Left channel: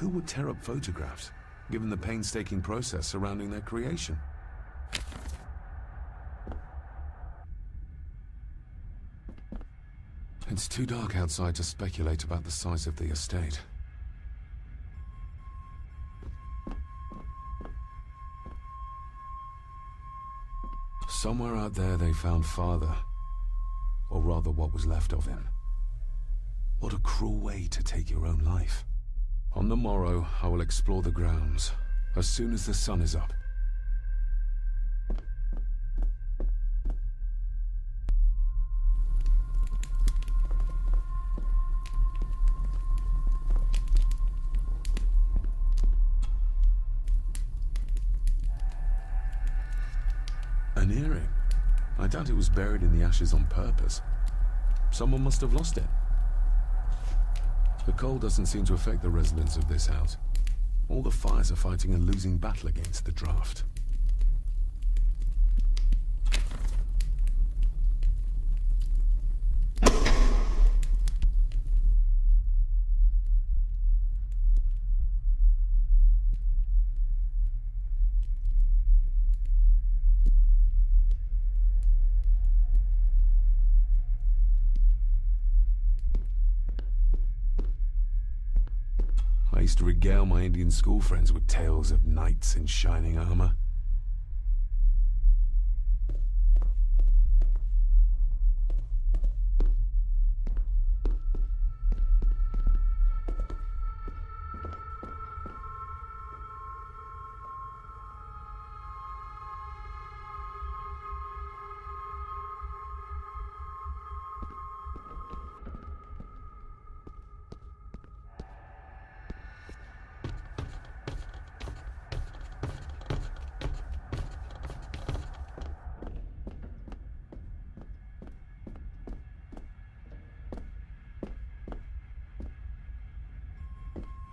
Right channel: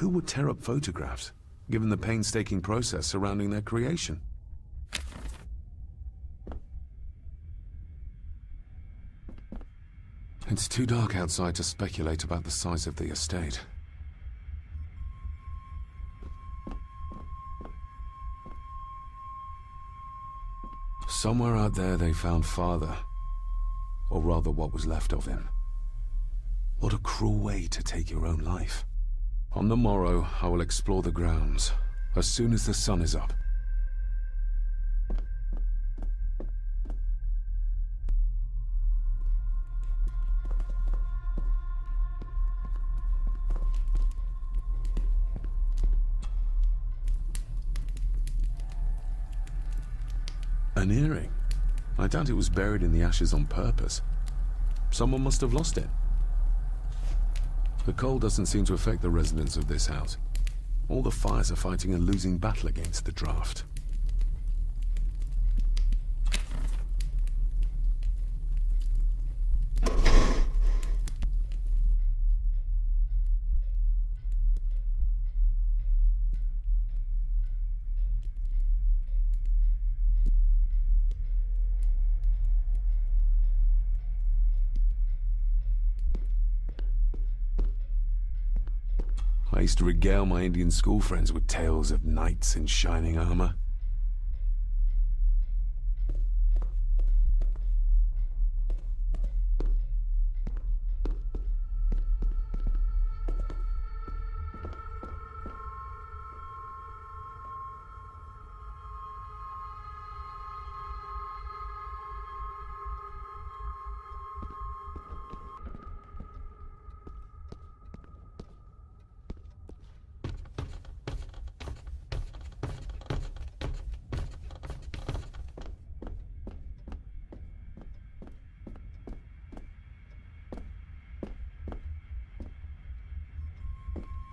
Who would tear up photographs, given the painstaking process surrounding their creation? It's too dark outside to speculate about the size of the estate. Somewhere out there they found father, or rather what was left of him. What a cruel way to take your own life. On the morrow, I will explore the grounds, as soon as the sun is up. An earring? I doubt it was buried in the ashes on purpose. Someone must have lost it. The cold doesn't seem to affect the residents of this house. All the fires are fighting a losing battle against the draft. I used to regale my Indian school friends with tales of knights in shining armor.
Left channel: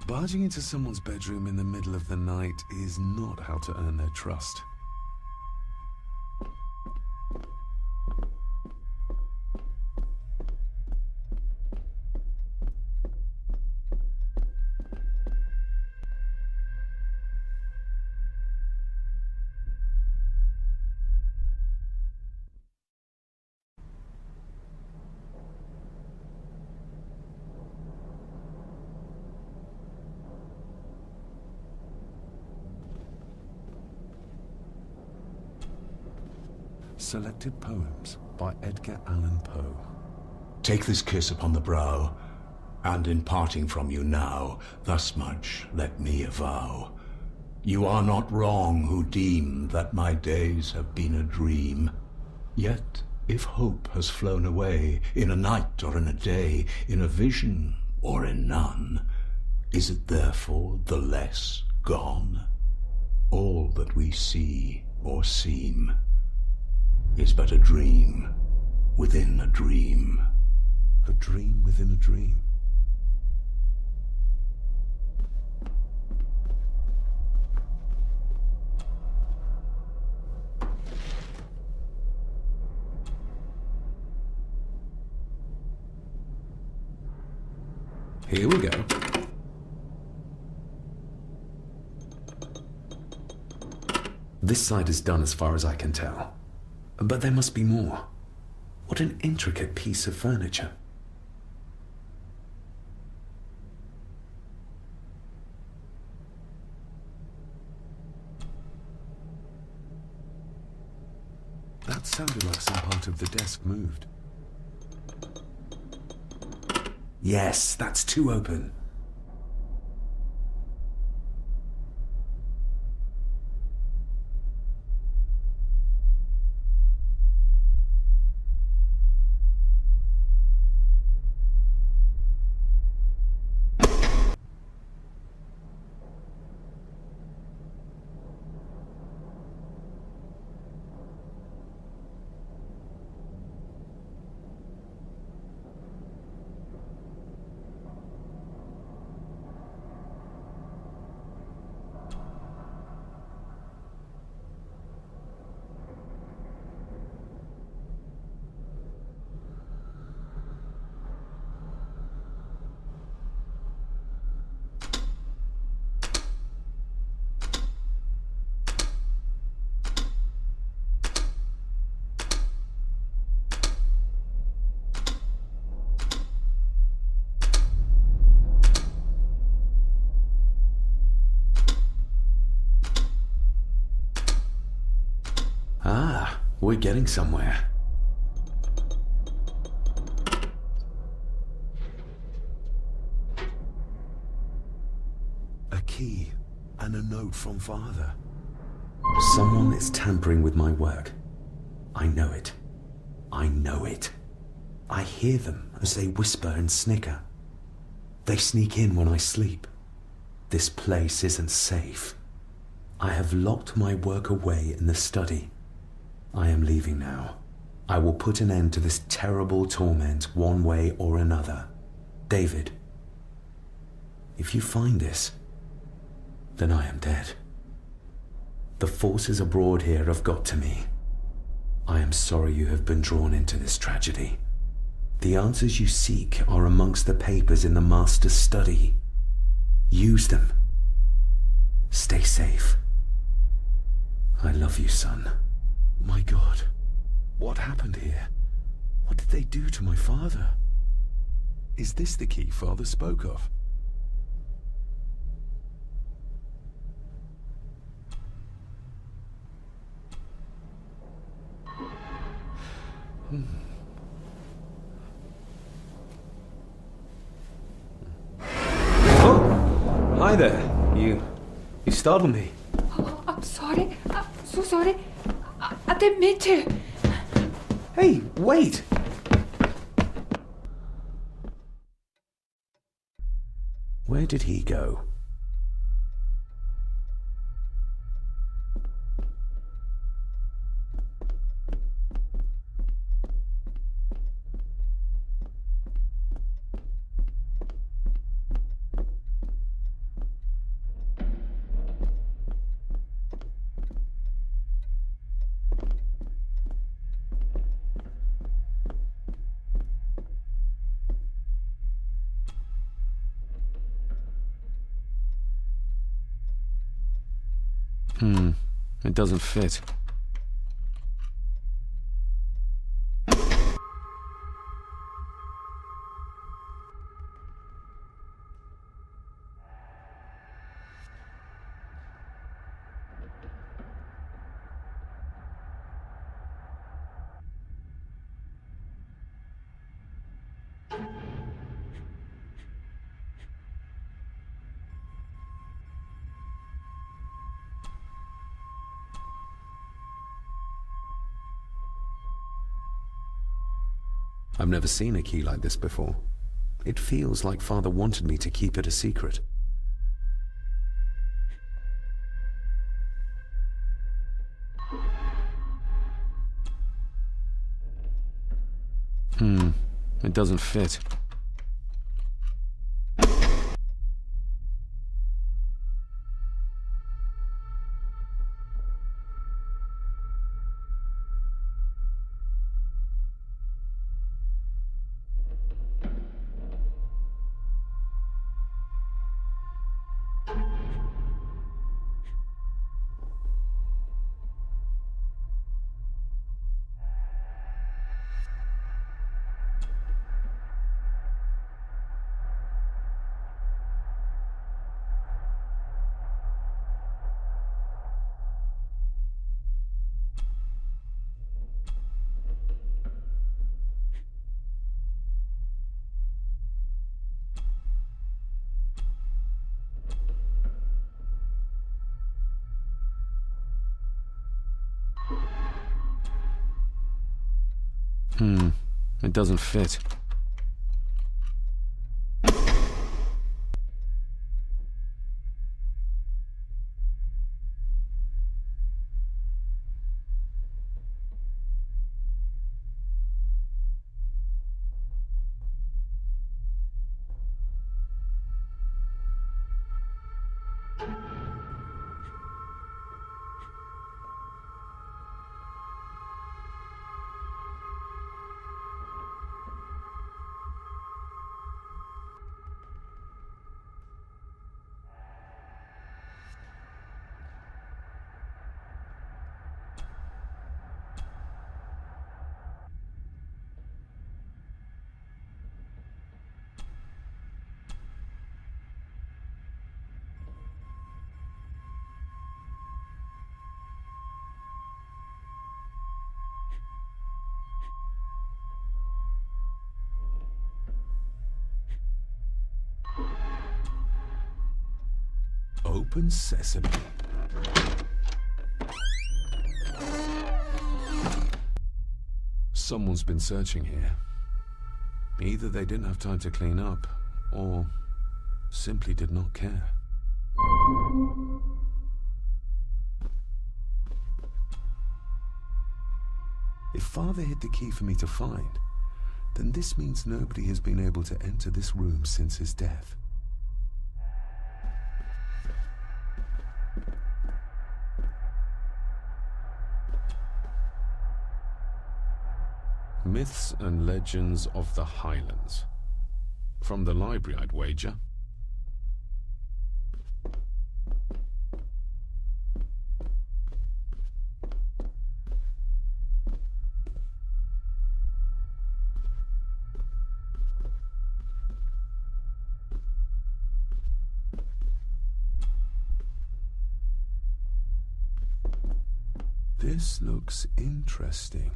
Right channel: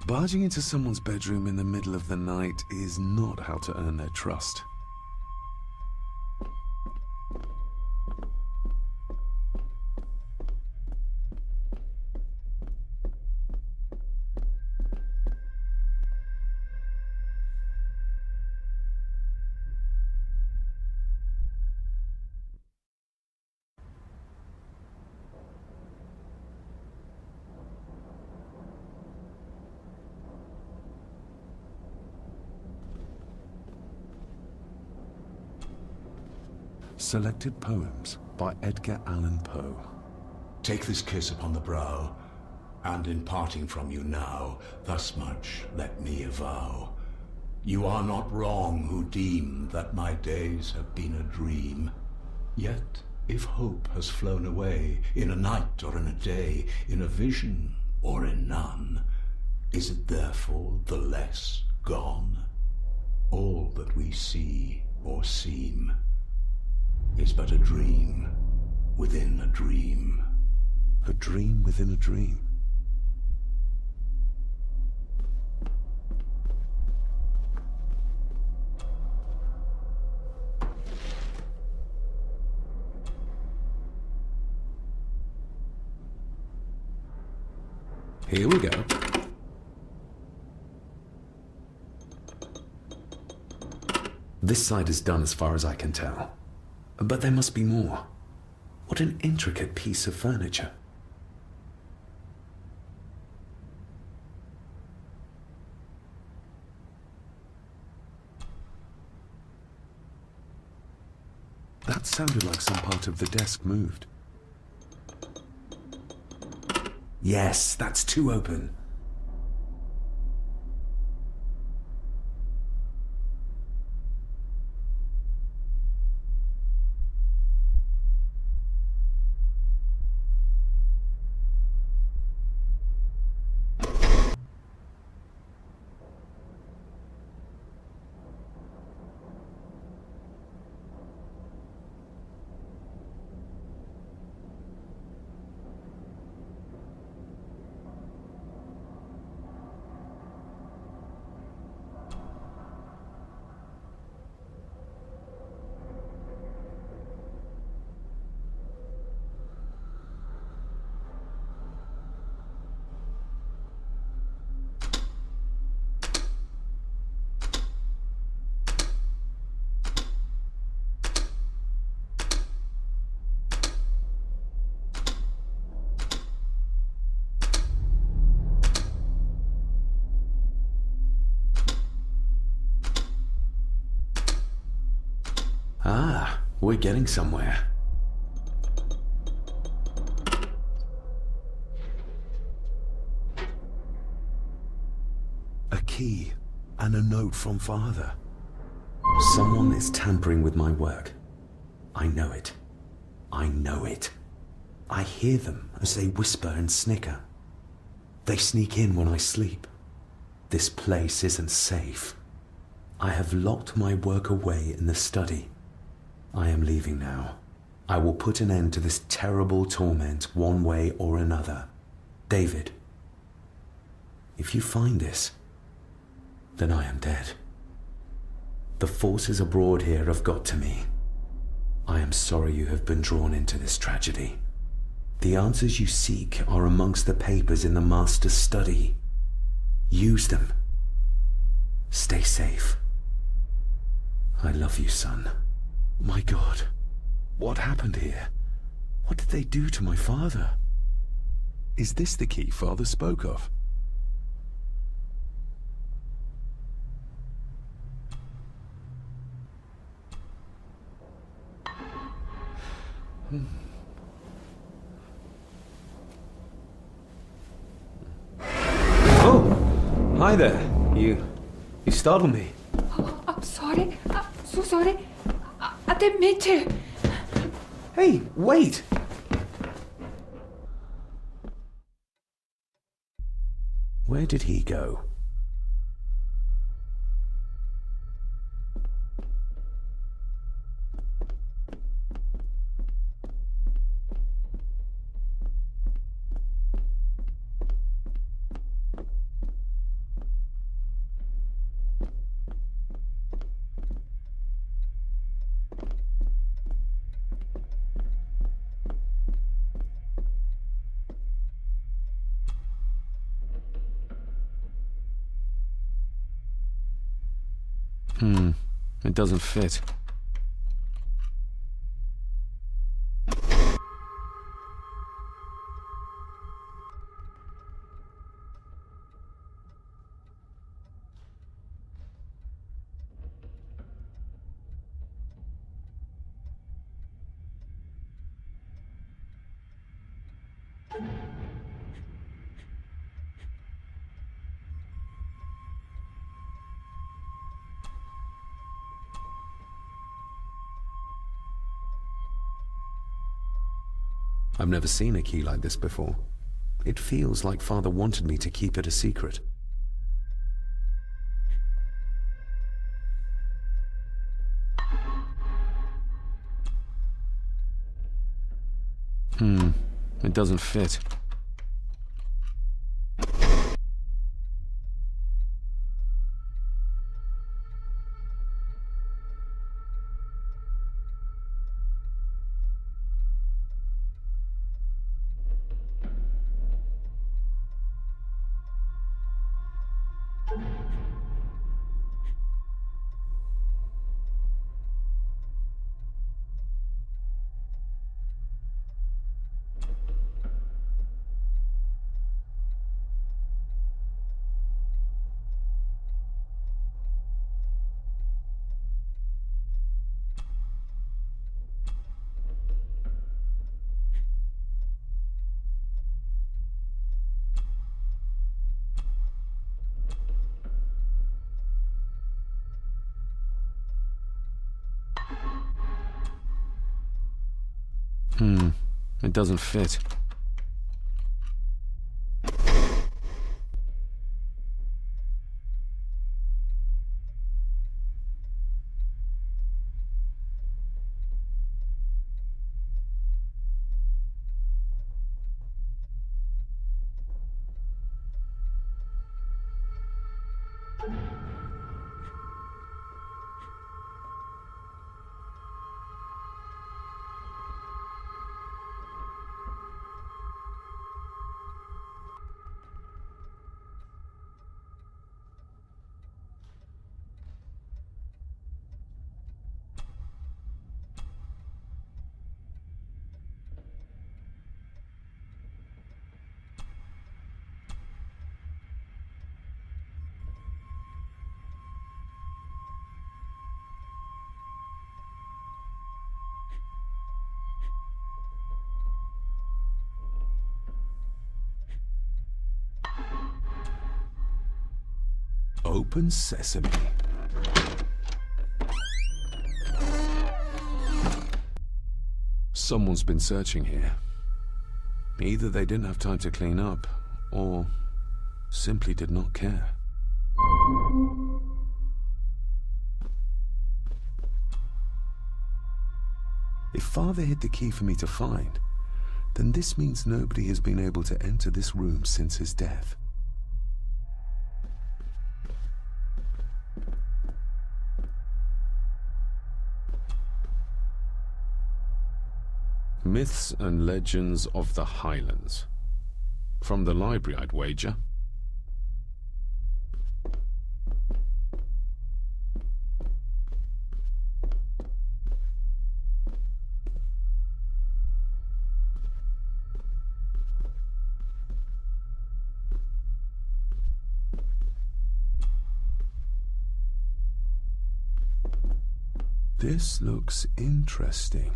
Barging into someone's bedroom in the middle of the night is not how to earn their trust. Selected Poems by Edgar Allan Poe. Take this kiss upon the brow, and in parting from you now, thus much let me avow. You are not wrong who deem that my days have been a dream. Yet, if hope has flown away, in a night or in a day, in a vision or in none, is it therefore the less gone? All that we see or seem is but a dream within a dream. A dream within a dream. Here we go. This side is done as far as I can tell. But there must be more. What an intricate piece of furniture. That sounded like some part of the desk moved. Yes, that's too open. Ah, we're getting somewhere. A key and a note from Father. Someone is tampering with my work. I know it. I know it. I hear them as they whisper and snicker. They sneak in when I sleep. This place isn't safe. I have locked my work away in the study. I am leaving now. I will put an end to this terrible torment one way or another. David, if you find this, then I am dead. The forces abroad here have got to me. I am sorry you have been drawn into this tragedy. The answers you seek are amongst the papers in the Master's study. Use them. Stay safe. I love you, son. My God, what happened here? What did they do to my father? Is this the key Father spoke of? Oh, hi there. You startled me. Oh, I'm sorry. I'm so sorry. I didn't mean to. Hey, wait! Where did he go? It doesn't fit. I've never seen a key like this before. It feels like Father wanted me to keep it a secret. It doesn't fit. It doesn't fit. Open sesame. Someone's been searching here. Either they didn't have time to clean up, or simply did not care. If Father hid the key for me to find, then this means nobody has been able to enter this room since his death. Myths and Legends of the Highlands. From the library, I'd wager. This looks interesting.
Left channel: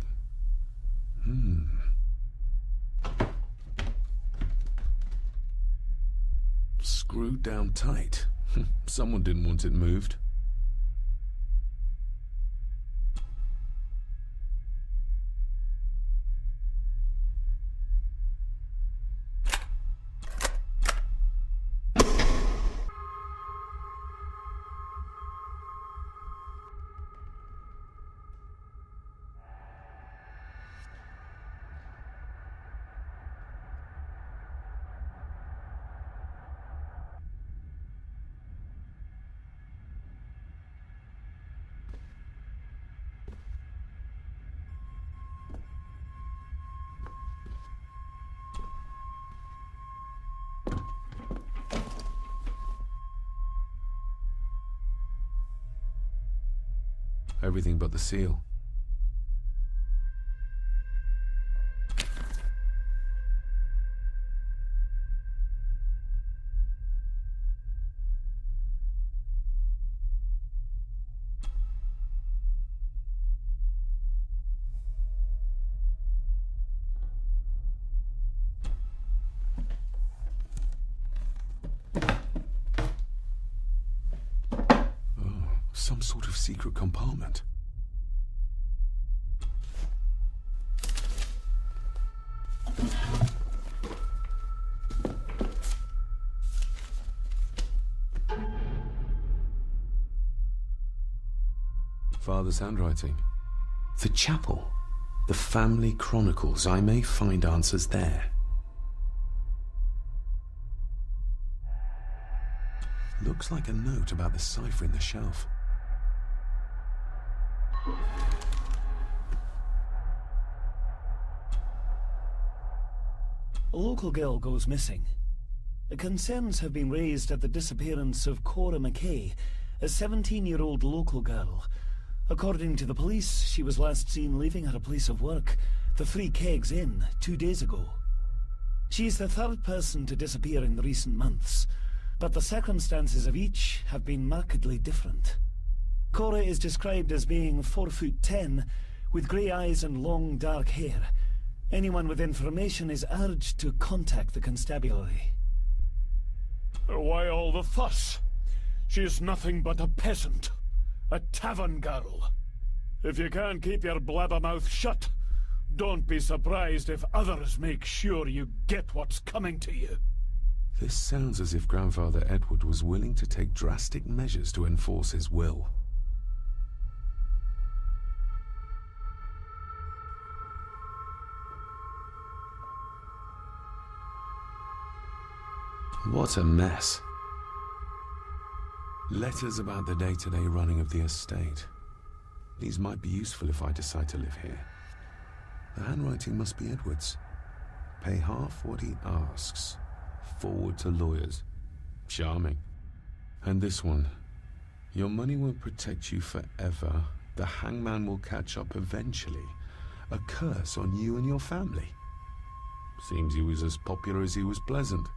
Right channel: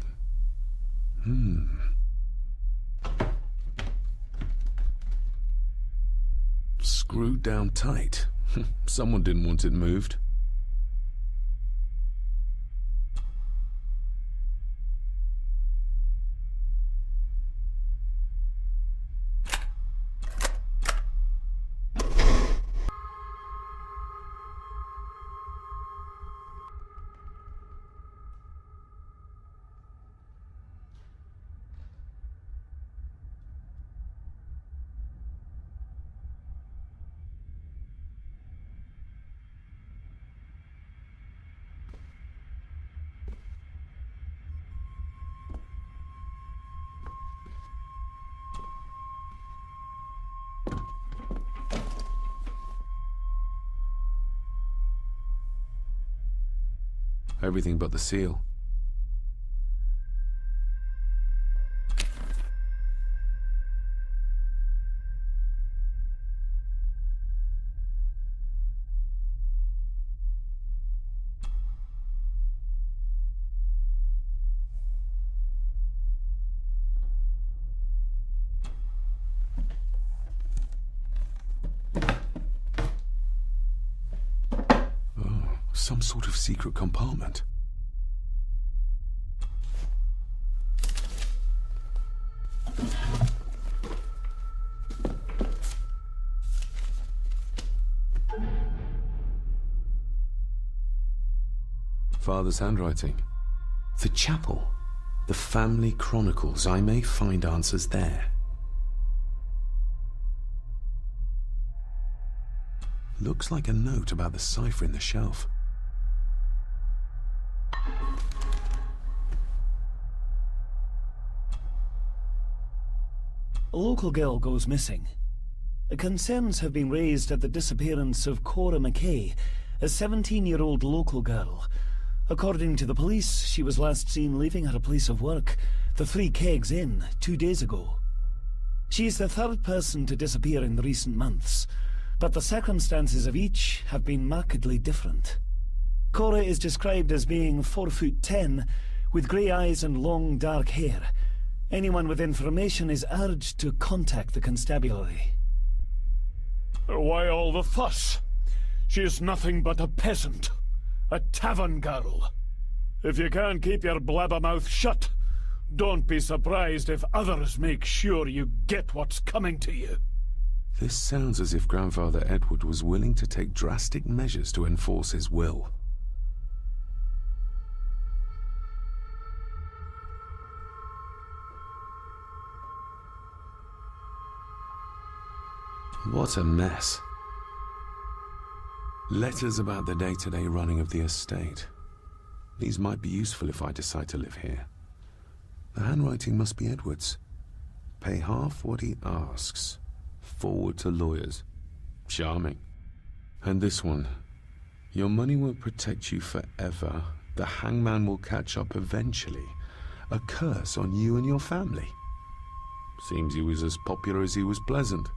Screwed down tight. Someone didn't want it moved. Everything but the seal. Some sort of secret compartment. Father's handwriting. The chapel. The family chronicles. I may find answers there. Looks like a note about the cipher in the shelf. A local girl goes missing. Concerns have been raised at the disappearance of Cora McKay, a 17-year-old local girl. According to the police, she was last seen leaving her place of work, the Three Kegs Inn, 2 days ago. She is the third person to disappear in the recent months, but the circumstances of each have been markedly different. Cora is described as being 4'10", with grey eyes and long dark hair. Anyone with information is urged to contact the constabulary. Why all the fuss? She is nothing but a peasant. A tavern girl. If you can't keep your blabbermouth shut, don't be surprised if others make sure you get what's coming to you. This sounds as if Grandfather Edward was willing to take drastic measures to enforce his will. What a mess. Letters about the day-to-day running of the estate. These might be useful if I decide to live here. The handwriting must be Edward's. Pay half what he asks. Forward to lawyers. Charming. And this one. Your money won't protect you forever. The hangman will catch up eventually. A curse on you and your family. Seems he was as popular as he was pleasant.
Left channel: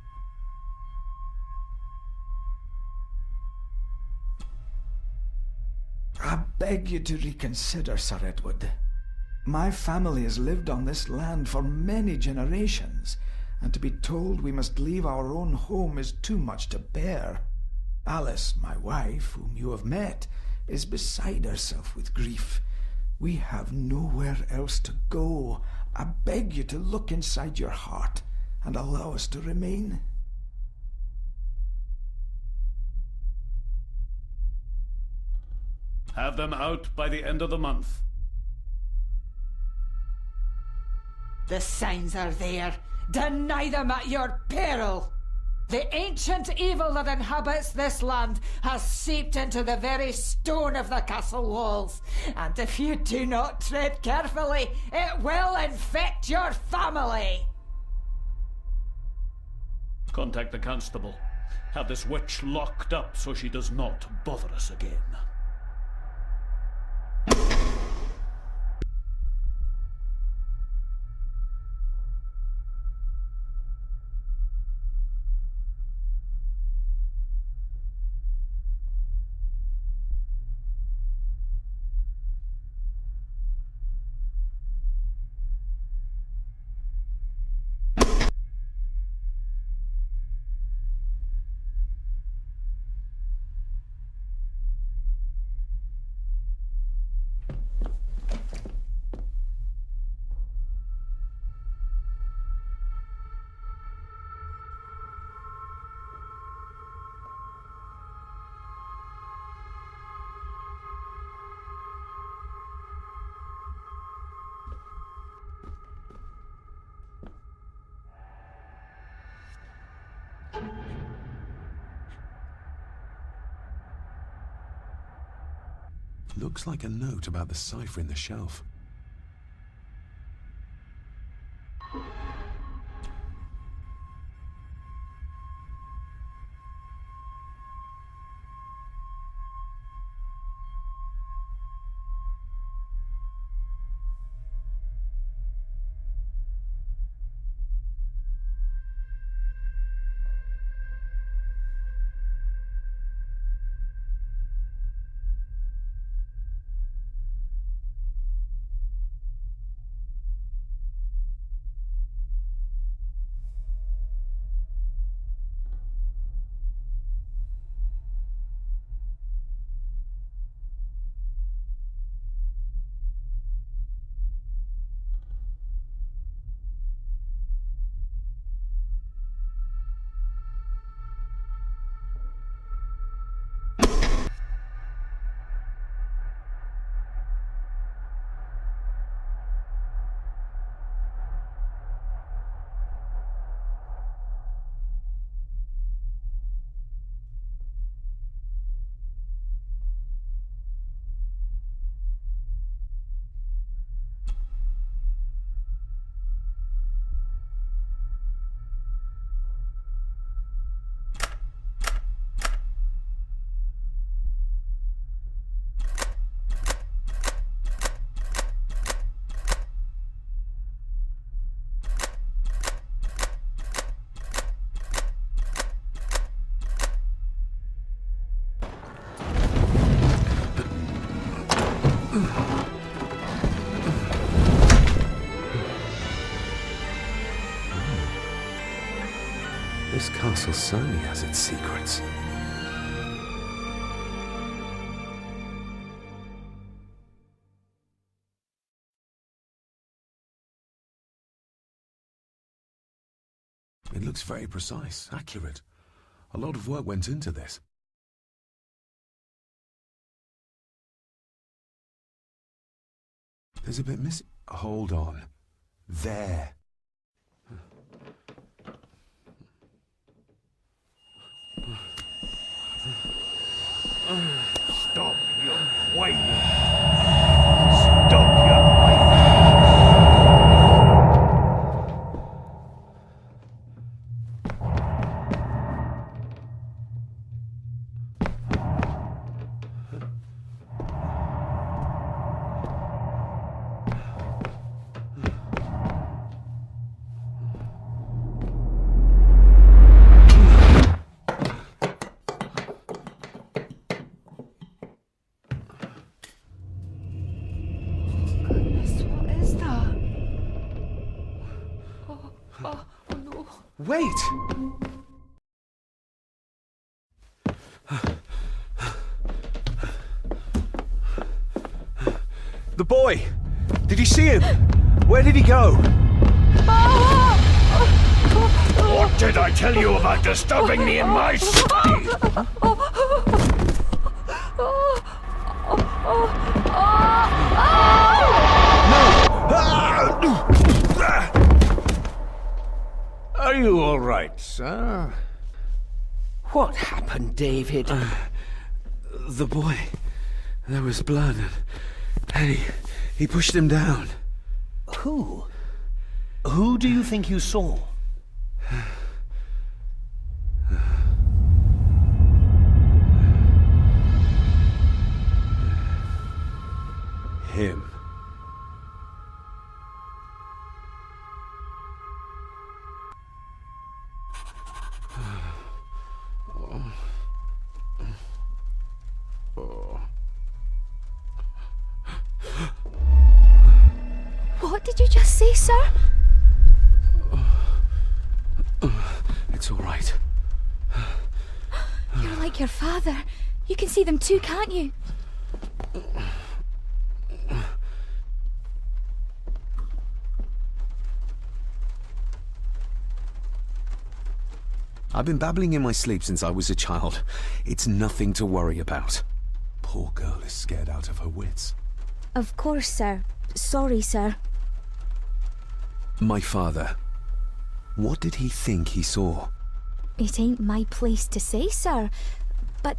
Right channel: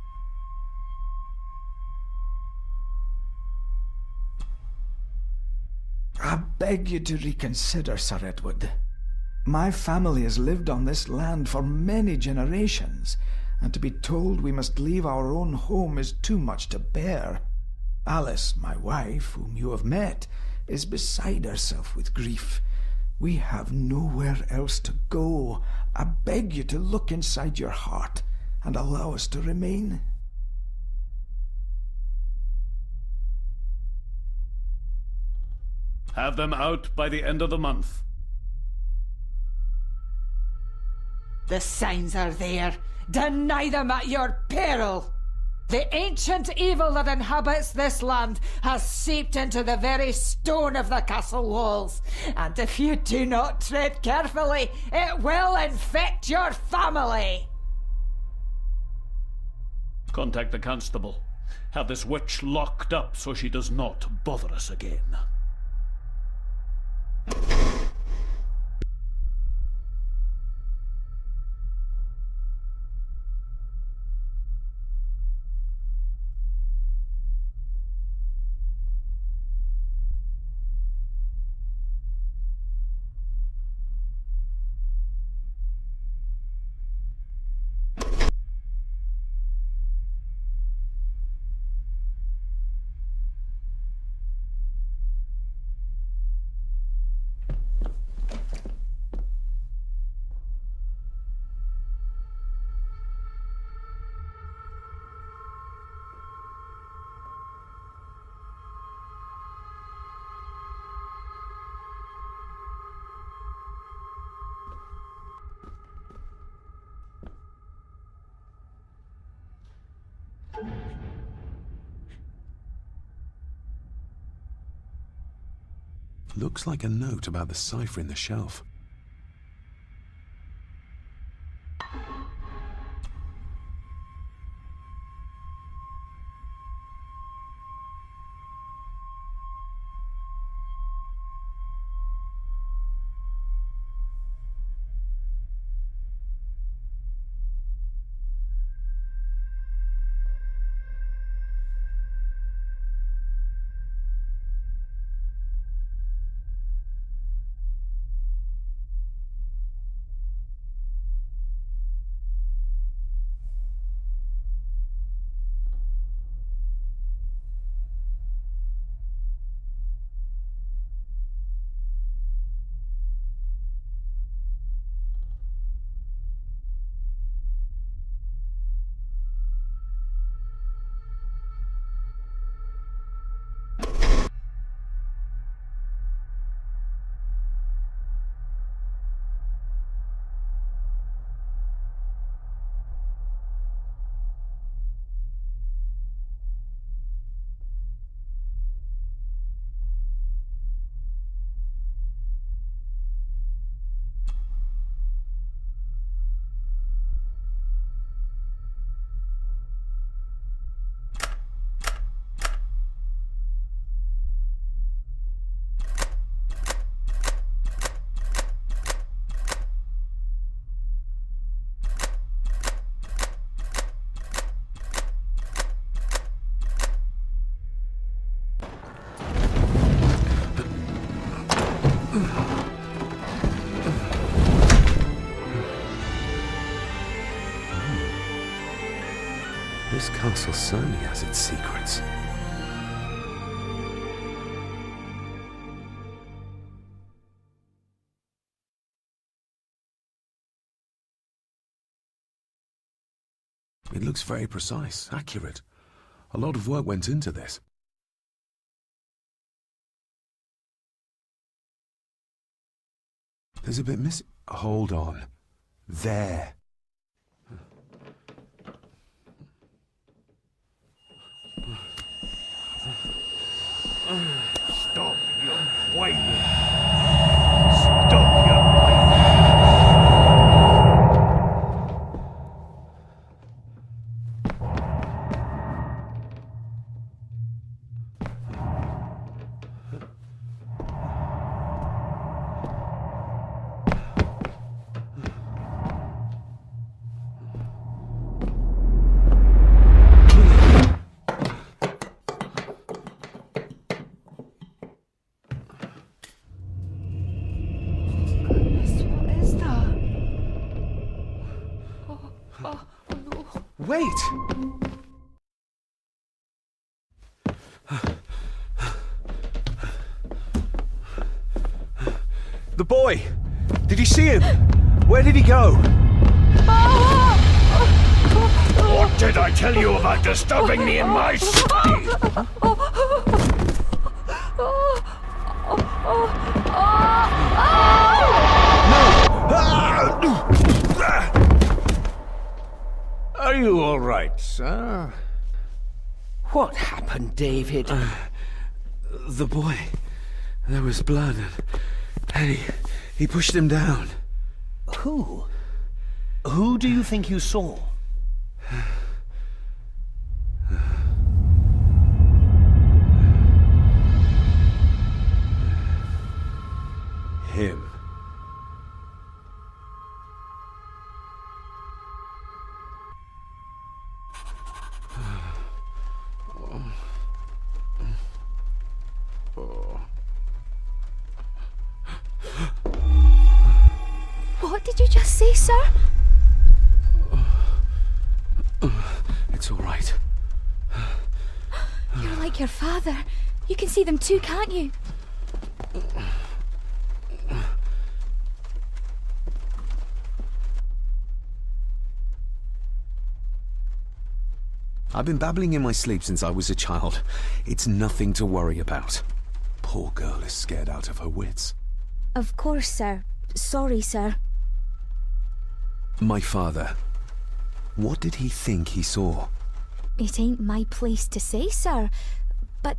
I beg you to reconsider, Sir Edward. My family has lived on this land for many generations, and to be told we must leave our own home is too much to bear. Alice, my wife, whom you have met, is beside herself with grief. We have nowhere else to go. I beg you to look inside your heart and allow us to remain. Have them out by the end of the month. The signs are there. Deny them at your peril. The ancient evil that inhabits this land has seeped into the very stone of the castle walls, and if you do not tread carefully, it will infect your family. Contact the constable. Have this witch locked up so she does not bother us again. Looks like a note about the cipher in the shelf. This castle certainly has its secrets. It looks very precise, accurate. A lot of work went into this. There's a bit missing. Hold on. There. Stop your whining! Stop your whining! Wait! The boy! Did you see him? Where did he go? What did I tell you about disturbing me in my study? Are you all right, sir? What happened, David? The boy. There was blood, and he pushed him down. Who? Who do you think you saw? Him. What did you just say, sir? It's all right. You're like your father. You can see them too, can't you? I've been babbling in my sleep since I was a child. It's nothing to worry about. Poor girl is scared out of her wits. Of course, sir. Sorry, sir. My father. What did he think he saw? It ain't my place to say, sir. But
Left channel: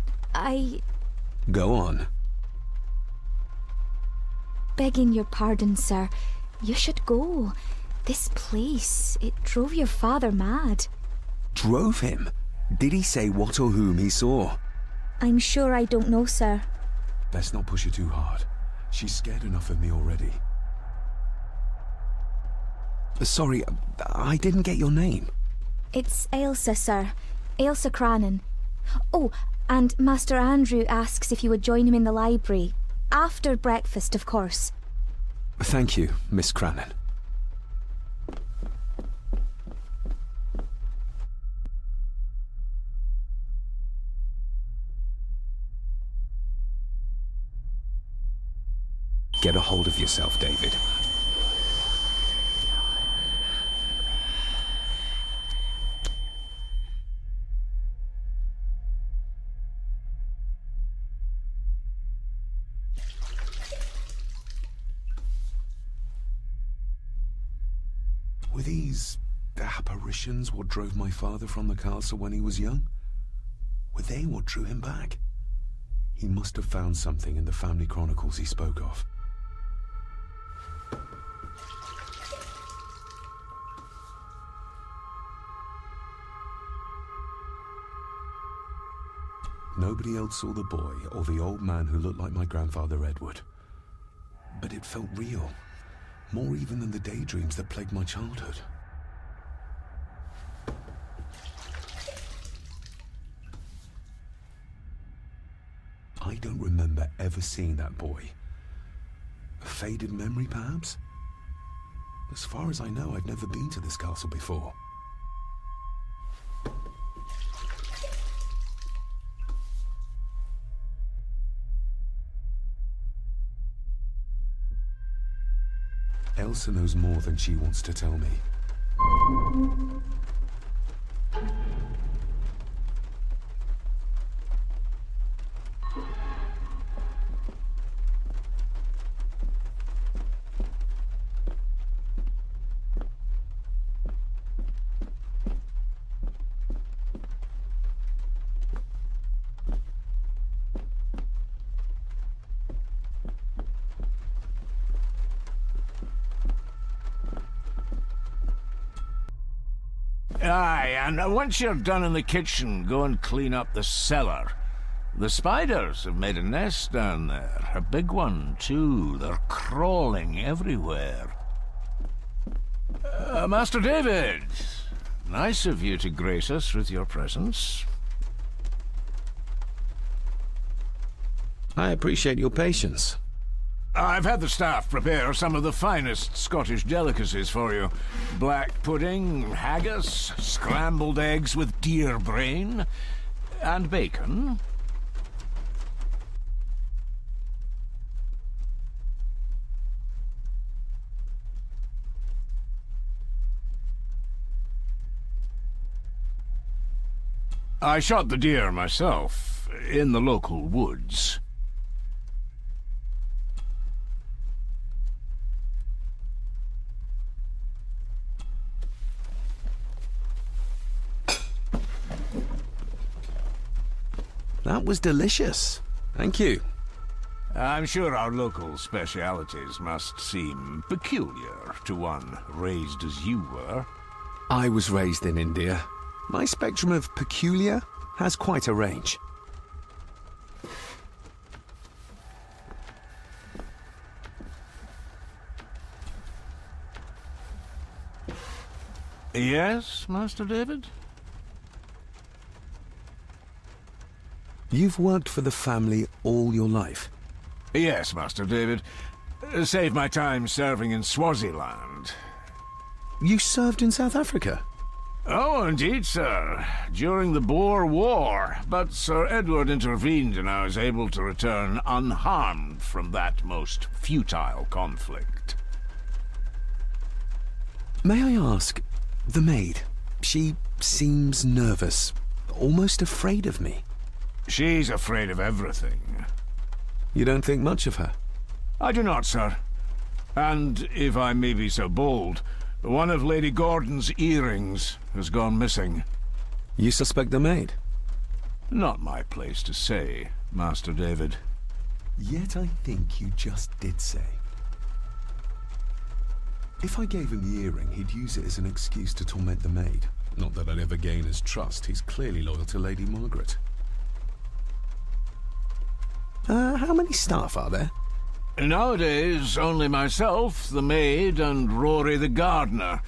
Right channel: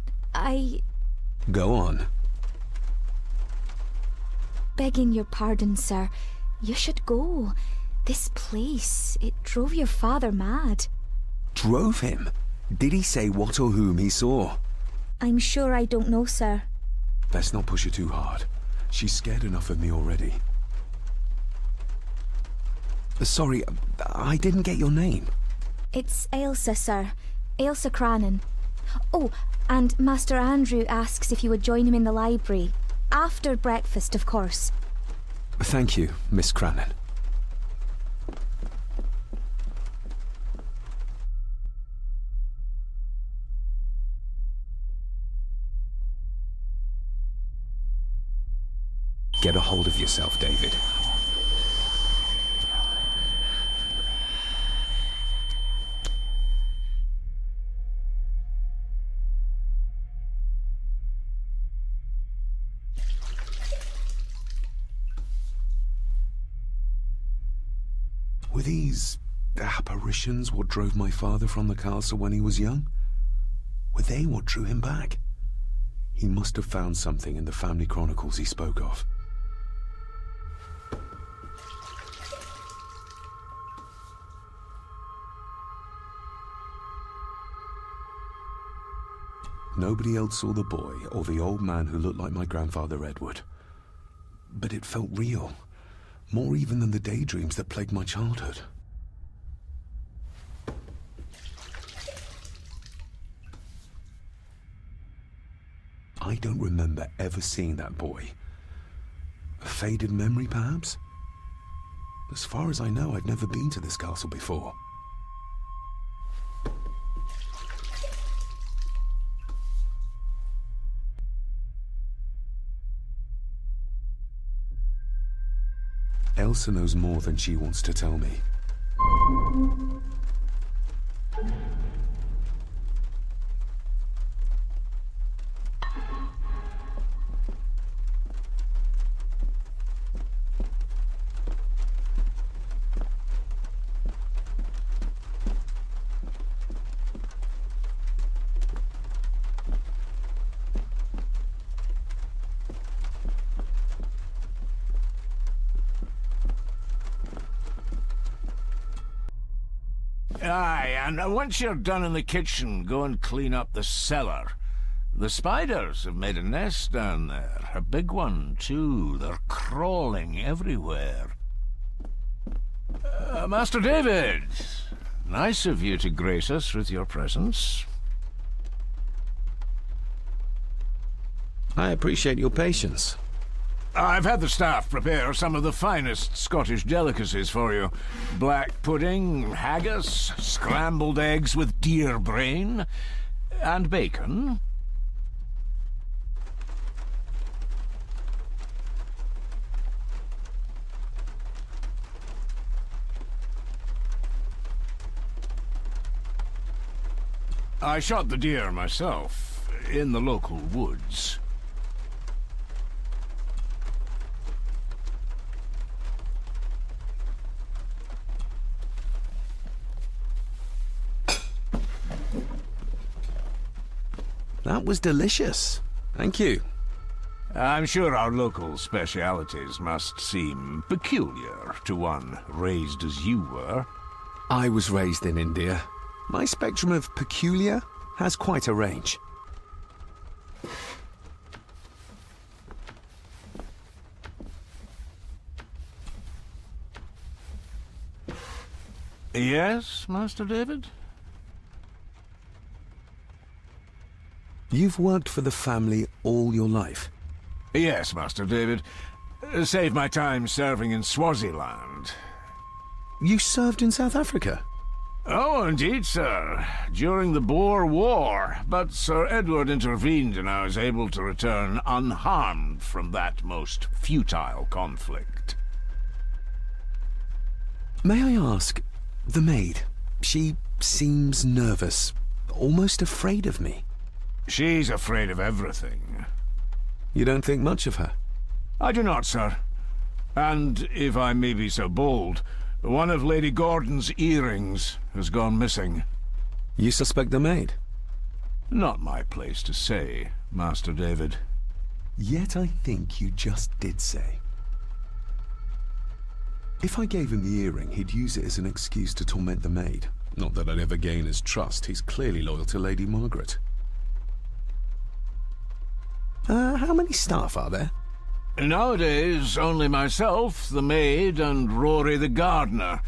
Go on. begging your pardon, sir, you should go. This place, it drove your father mad. Drove him? Did he say what or whom he saw? I'm sure I don't know, sir. Best not push her too hard. She's scared enough of me already. Sorry, I didn't get your name. It's Ailsa, sir. Ailsa Crannan. Oh, and Master Andrew asks if you would join him in the library. After breakfast, of course. Thank you, Miss Crannan. Get a hold of yourself, David. Were these apparitions what drove my father from the castle when he was young? Were they what drew him back? He must have found something in the family chronicles he spoke of. Nobody else saw the boy or the old man who looked like my grandfather Edward. But it felt real. More even than the daydreams that plagued my childhood. I don't remember ever seeing that boy. A faded memory, perhaps? As far as I know, I've never been to this castle before. Elsa knows more than she wants to tell me. Aye, and once you're done in the kitchen, go and clean up the cellar. The spiders have made a nest down there. A big one, too. They're crawling everywhere. Master David, nice of you to grace us with your presence. I appreciate your patience. I've had the staff prepare some of the finest Scottish delicacies for you. Black pudding, haggis, scrambled eggs with deer brain, and bacon. I shot the deer myself, in the local woods. That was delicious. Thank you. I'm sure our local specialities must seem peculiar to one raised as you were. I was raised in India. My spectrum of peculiar has quite a range. Yes, Master David? You've worked for the family all your life? Yes, Master David. Saved my time serving in Swaziland. You served in South Africa? Oh, indeed, sir. During the Boer War. But Sir Edward intervened and I was able to return unharmed from that most futile conflict. May I ask, the maid, she seems nervous, almost afraid of me. She's afraid of everything. You don't think much of her? I do not, sir. And, if I may be so bold, one of Lady Gordon's earrings has gone missing. You suspect the maid? Not my place to say, Master David. Yet I think you just did say. If I gave him the earring, he'd use it as an excuse to torment the maid. Not that I'd ever gain his trust. He's clearly loyal to Lady Margaret. How many staff are there? Nowadays, only myself, the maid, and Rory the gardener.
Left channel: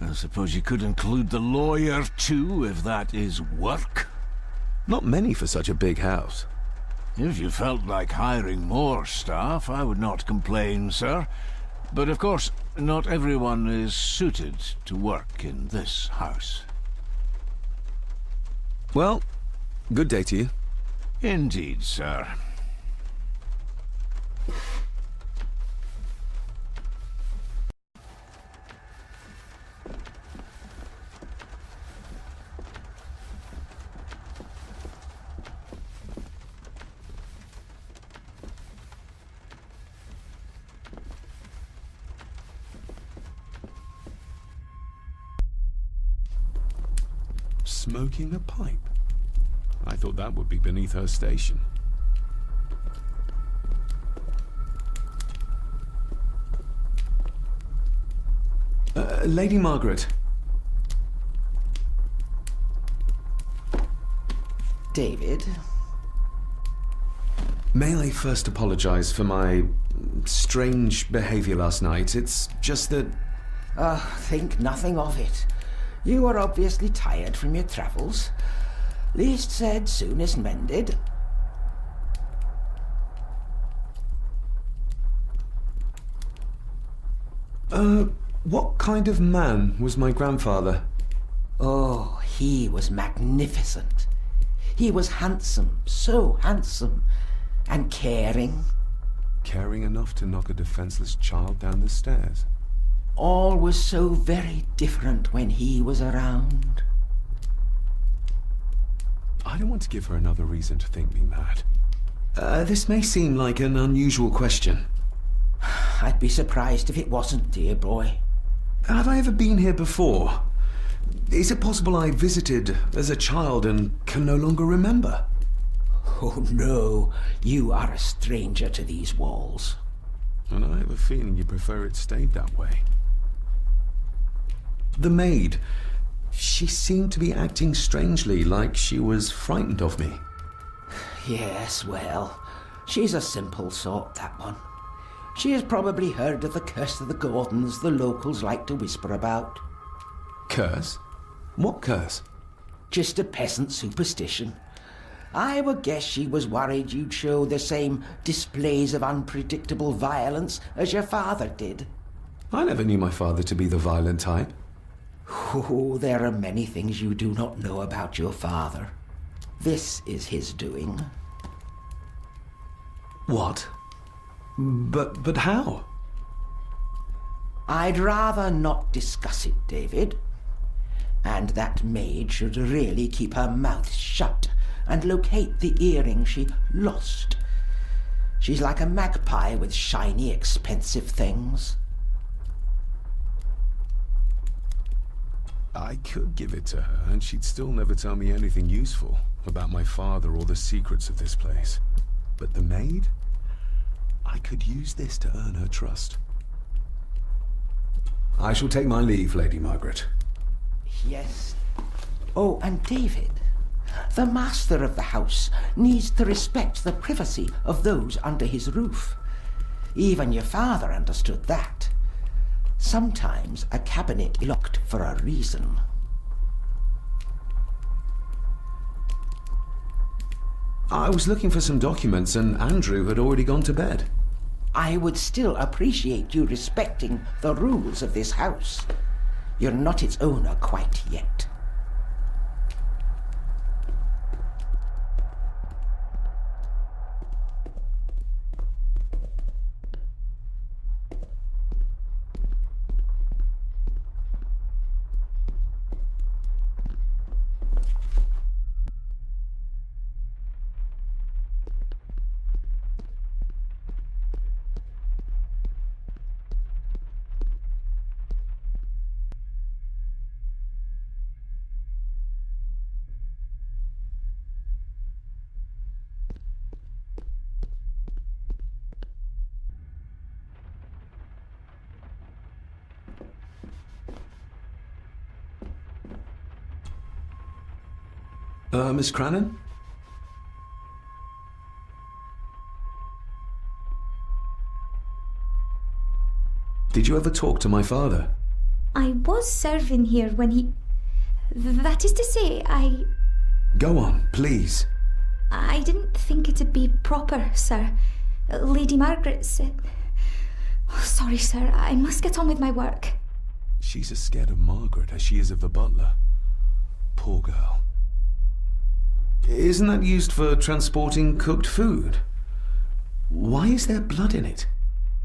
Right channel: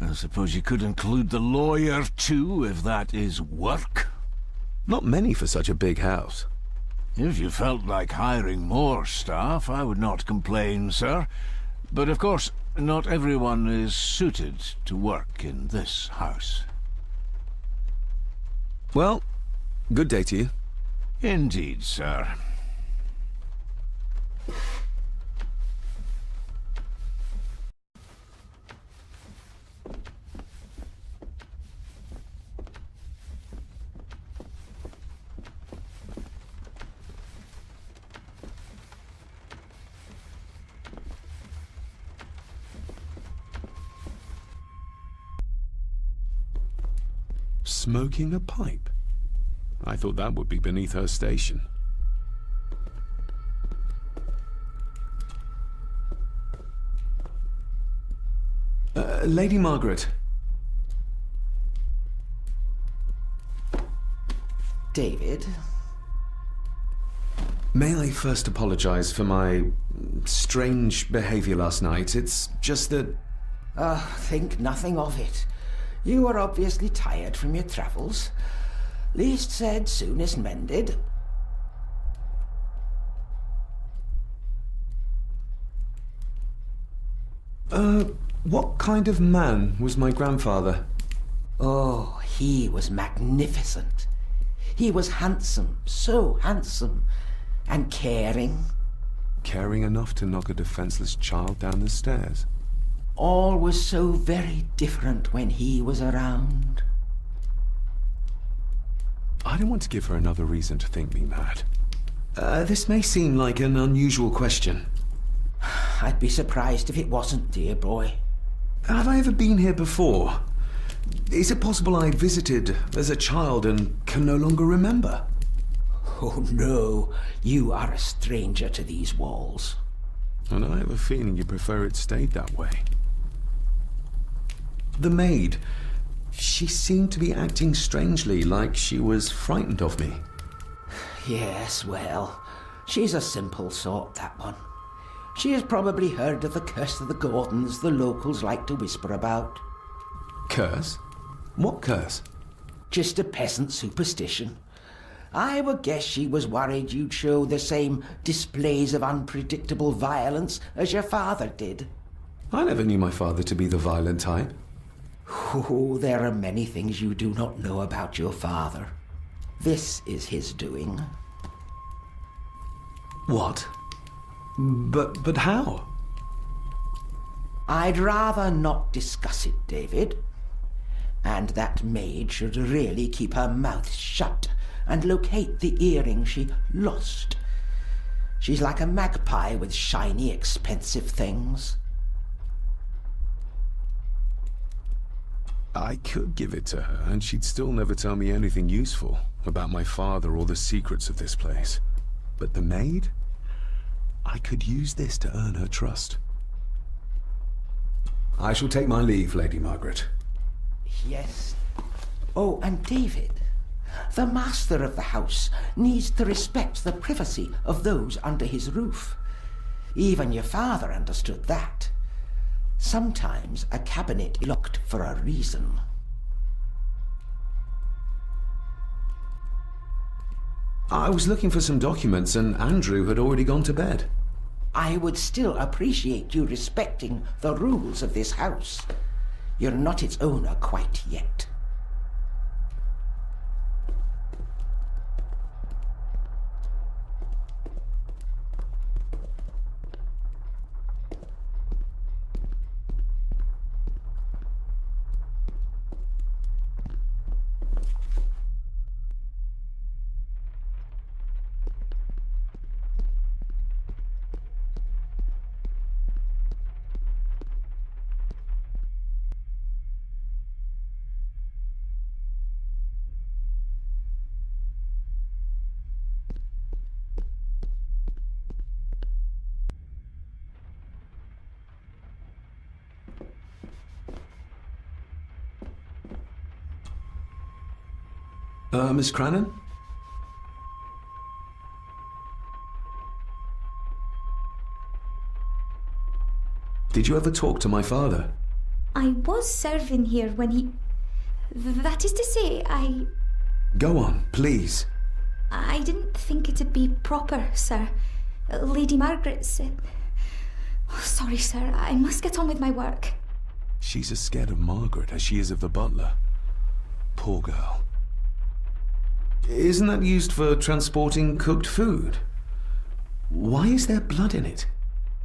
I suppose you could include the lawyer, too, if that is work. Not many for such a big house. If you felt like hiring more staff, I would not complain, sir. But of course, not everyone is suited to work in this house. Well, good day to you. Indeed, sir. Smoking a pipe? I thought that would be beneath her station. Lady Margaret. David? May I first apologize for my strange behavior last night? It's just that... Think nothing of it. You were obviously tired from your travels. Least said, soonest mended. What kind of man was my grandfather? Oh, he was magnificent. He was handsome, so handsome, and caring. Caring enough to knock a defenseless child down the stairs. All was so very different when he was around. I don't want to give her another reason to think me mad. This may seem like an unusual question. I'd be surprised if it wasn't, dear boy. Have I ever been here before? Is it possible I visited as a child and can no longer remember? Oh, no. You are a stranger to these walls. And I have a feeling you prefer it stayed that way. The maid. She seemed to be acting strangely, like she was frightened of me. Yes, well, she's a simple sort, that one. She has probably heard of the curse of the Gordons the locals like to whisper about. Curse? What curse? Just a peasant superstition. I would guess she was worried you'd show the same displays of unpredictable violence as your father did. I never knew my father to be the violent type. Oh, there are many things you do not know about your father. This is his doing. What? But how? I'd rather not discuss it, David. And that maid should really keep her mouth shut and locate the earring she lost. She's like a magpie with shiny, expensive things. I could give it to her, and she'd still never tell me anything useful about my father or the secrets of this place. But the maid? I could use this to earn her trust. I shall take my leave, Lady Margaret. Yes. Oh, and David, the master of the house needs to respect the privacy of those under his roof. Even your father understood that. Sometimes a cabinet is locked for a reason. I was looking for some documents, and Andrew had already gone to bed. I would still appreciate you respecting the rules of this house. You're not its owner quite yet. Miss Crannan? Did you ever talk to my father? I was serving here when he... That is to say, Go on, please. I didn't think it'd be proper, sir. Lady Margaret said... Oh, sorry, sir. I must get on with my work. She's as scared of Margaret as she is of the butler. Poor girl. Isn't that used for transporting cooked food? Why is there blood in it?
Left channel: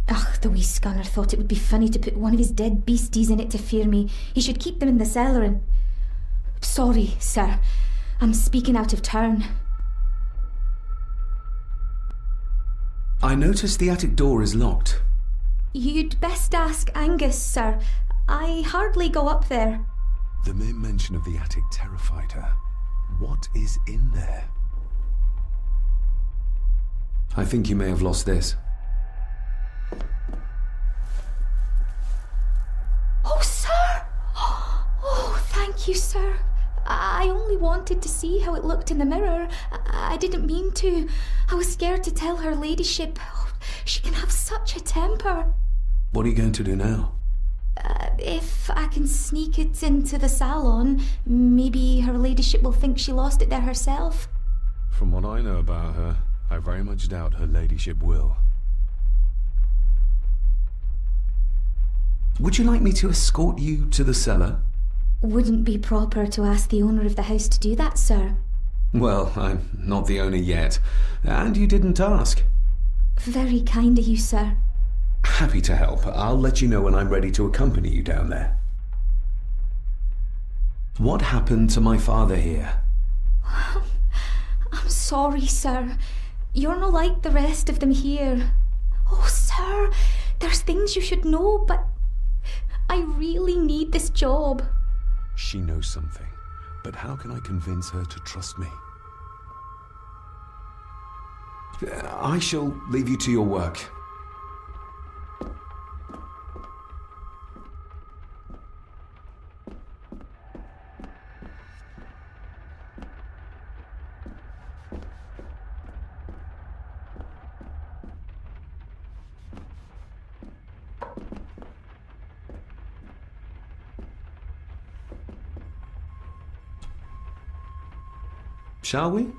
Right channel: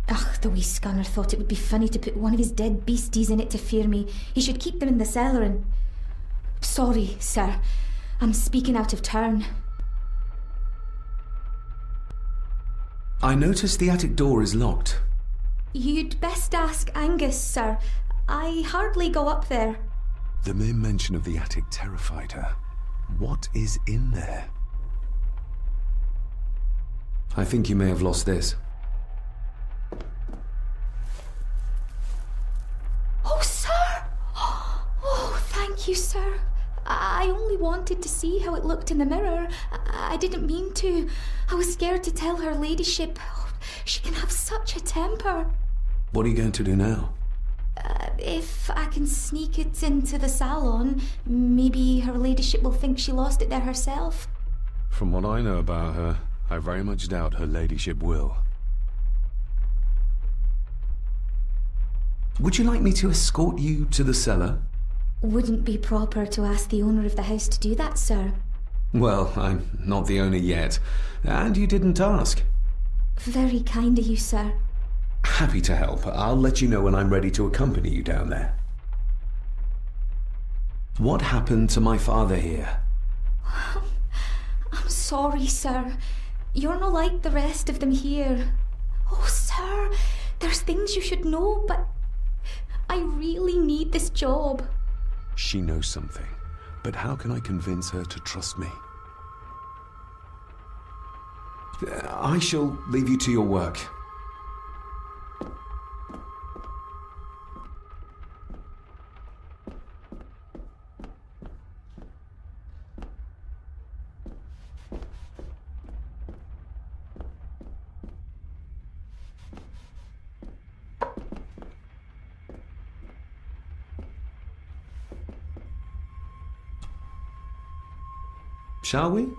Ugh, the wee scunner thought it would be funny to put one of his dead beasties in it to fear me. He should keep them in the cellar and... Sorry, sir. I'm speaking out of turn. I noticed the attic door is locked. You'd best ask Angus, sir. I hardly go up there. The mere mention of the attic terrified her. What is in there? I think you may have lost this. Oh, sir! Oh, thank you, sir. I only wanted to see how it looked in the mirror. I didn't mean to. I was scared to tell her ladyship. Oh, she can have such a temper. What are you going to do now? If I can sneak it into the salon, maybe her ladyship will think she lost it there herself. From what I know about her, I very much doubt her ladyship will. Would you like me to escort you to the cellar? Wouldn't be proper to ask the owner of the house to do that, sir. Well, I'm not the owner yet, and you didn't ask. Very kind of you, sir. Happy to help. I'll let you know when I'm ready to accompany you down there. What happened to my father here? I'm sorry, sir. You're no like the rest of them here. Oh, sir, there's things you should know, but I really need this job. She knows something, but how can I convince her to trust me? I shall leave you to your work. Shall we?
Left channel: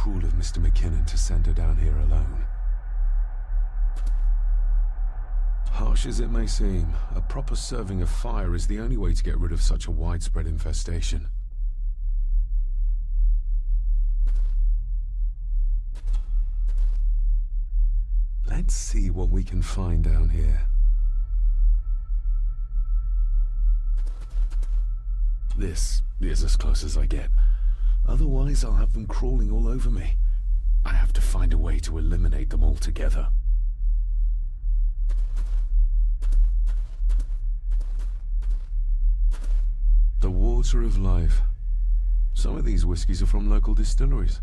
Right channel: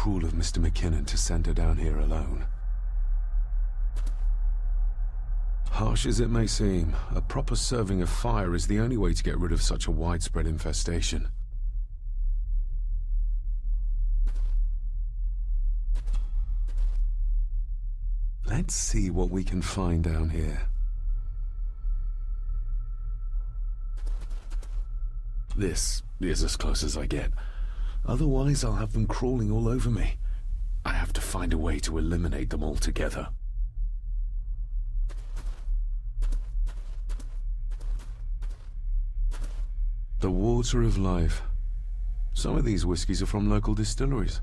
cruel of Mr. McKinnon to send her down here alone. Harsh as it may seem, a proper serving of fire is the only way to get rid of such a widespread infestation. Let's see what we can find down here. This is as close as I get. Otherwise, I'll have them crawling all over me. I have to find a way to eliminate them altogether. The water of life. Some of these whiskies are from local distilleries.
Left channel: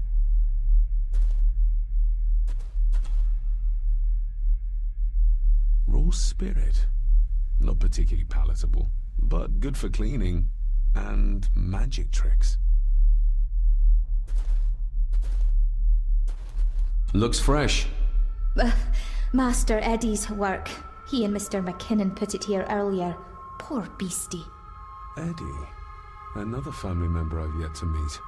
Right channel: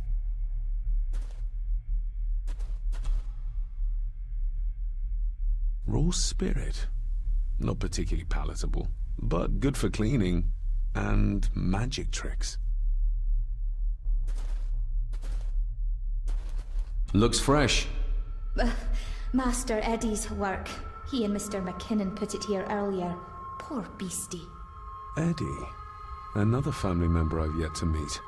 Raw spirit. Not particularly palatable, but good for cleaning and magic tricks. Looks fresh. Master Eddie's work. He and Mr. McKinnon put it here earlier. Poor beastie. Eddie. Another family member I've yet to meet.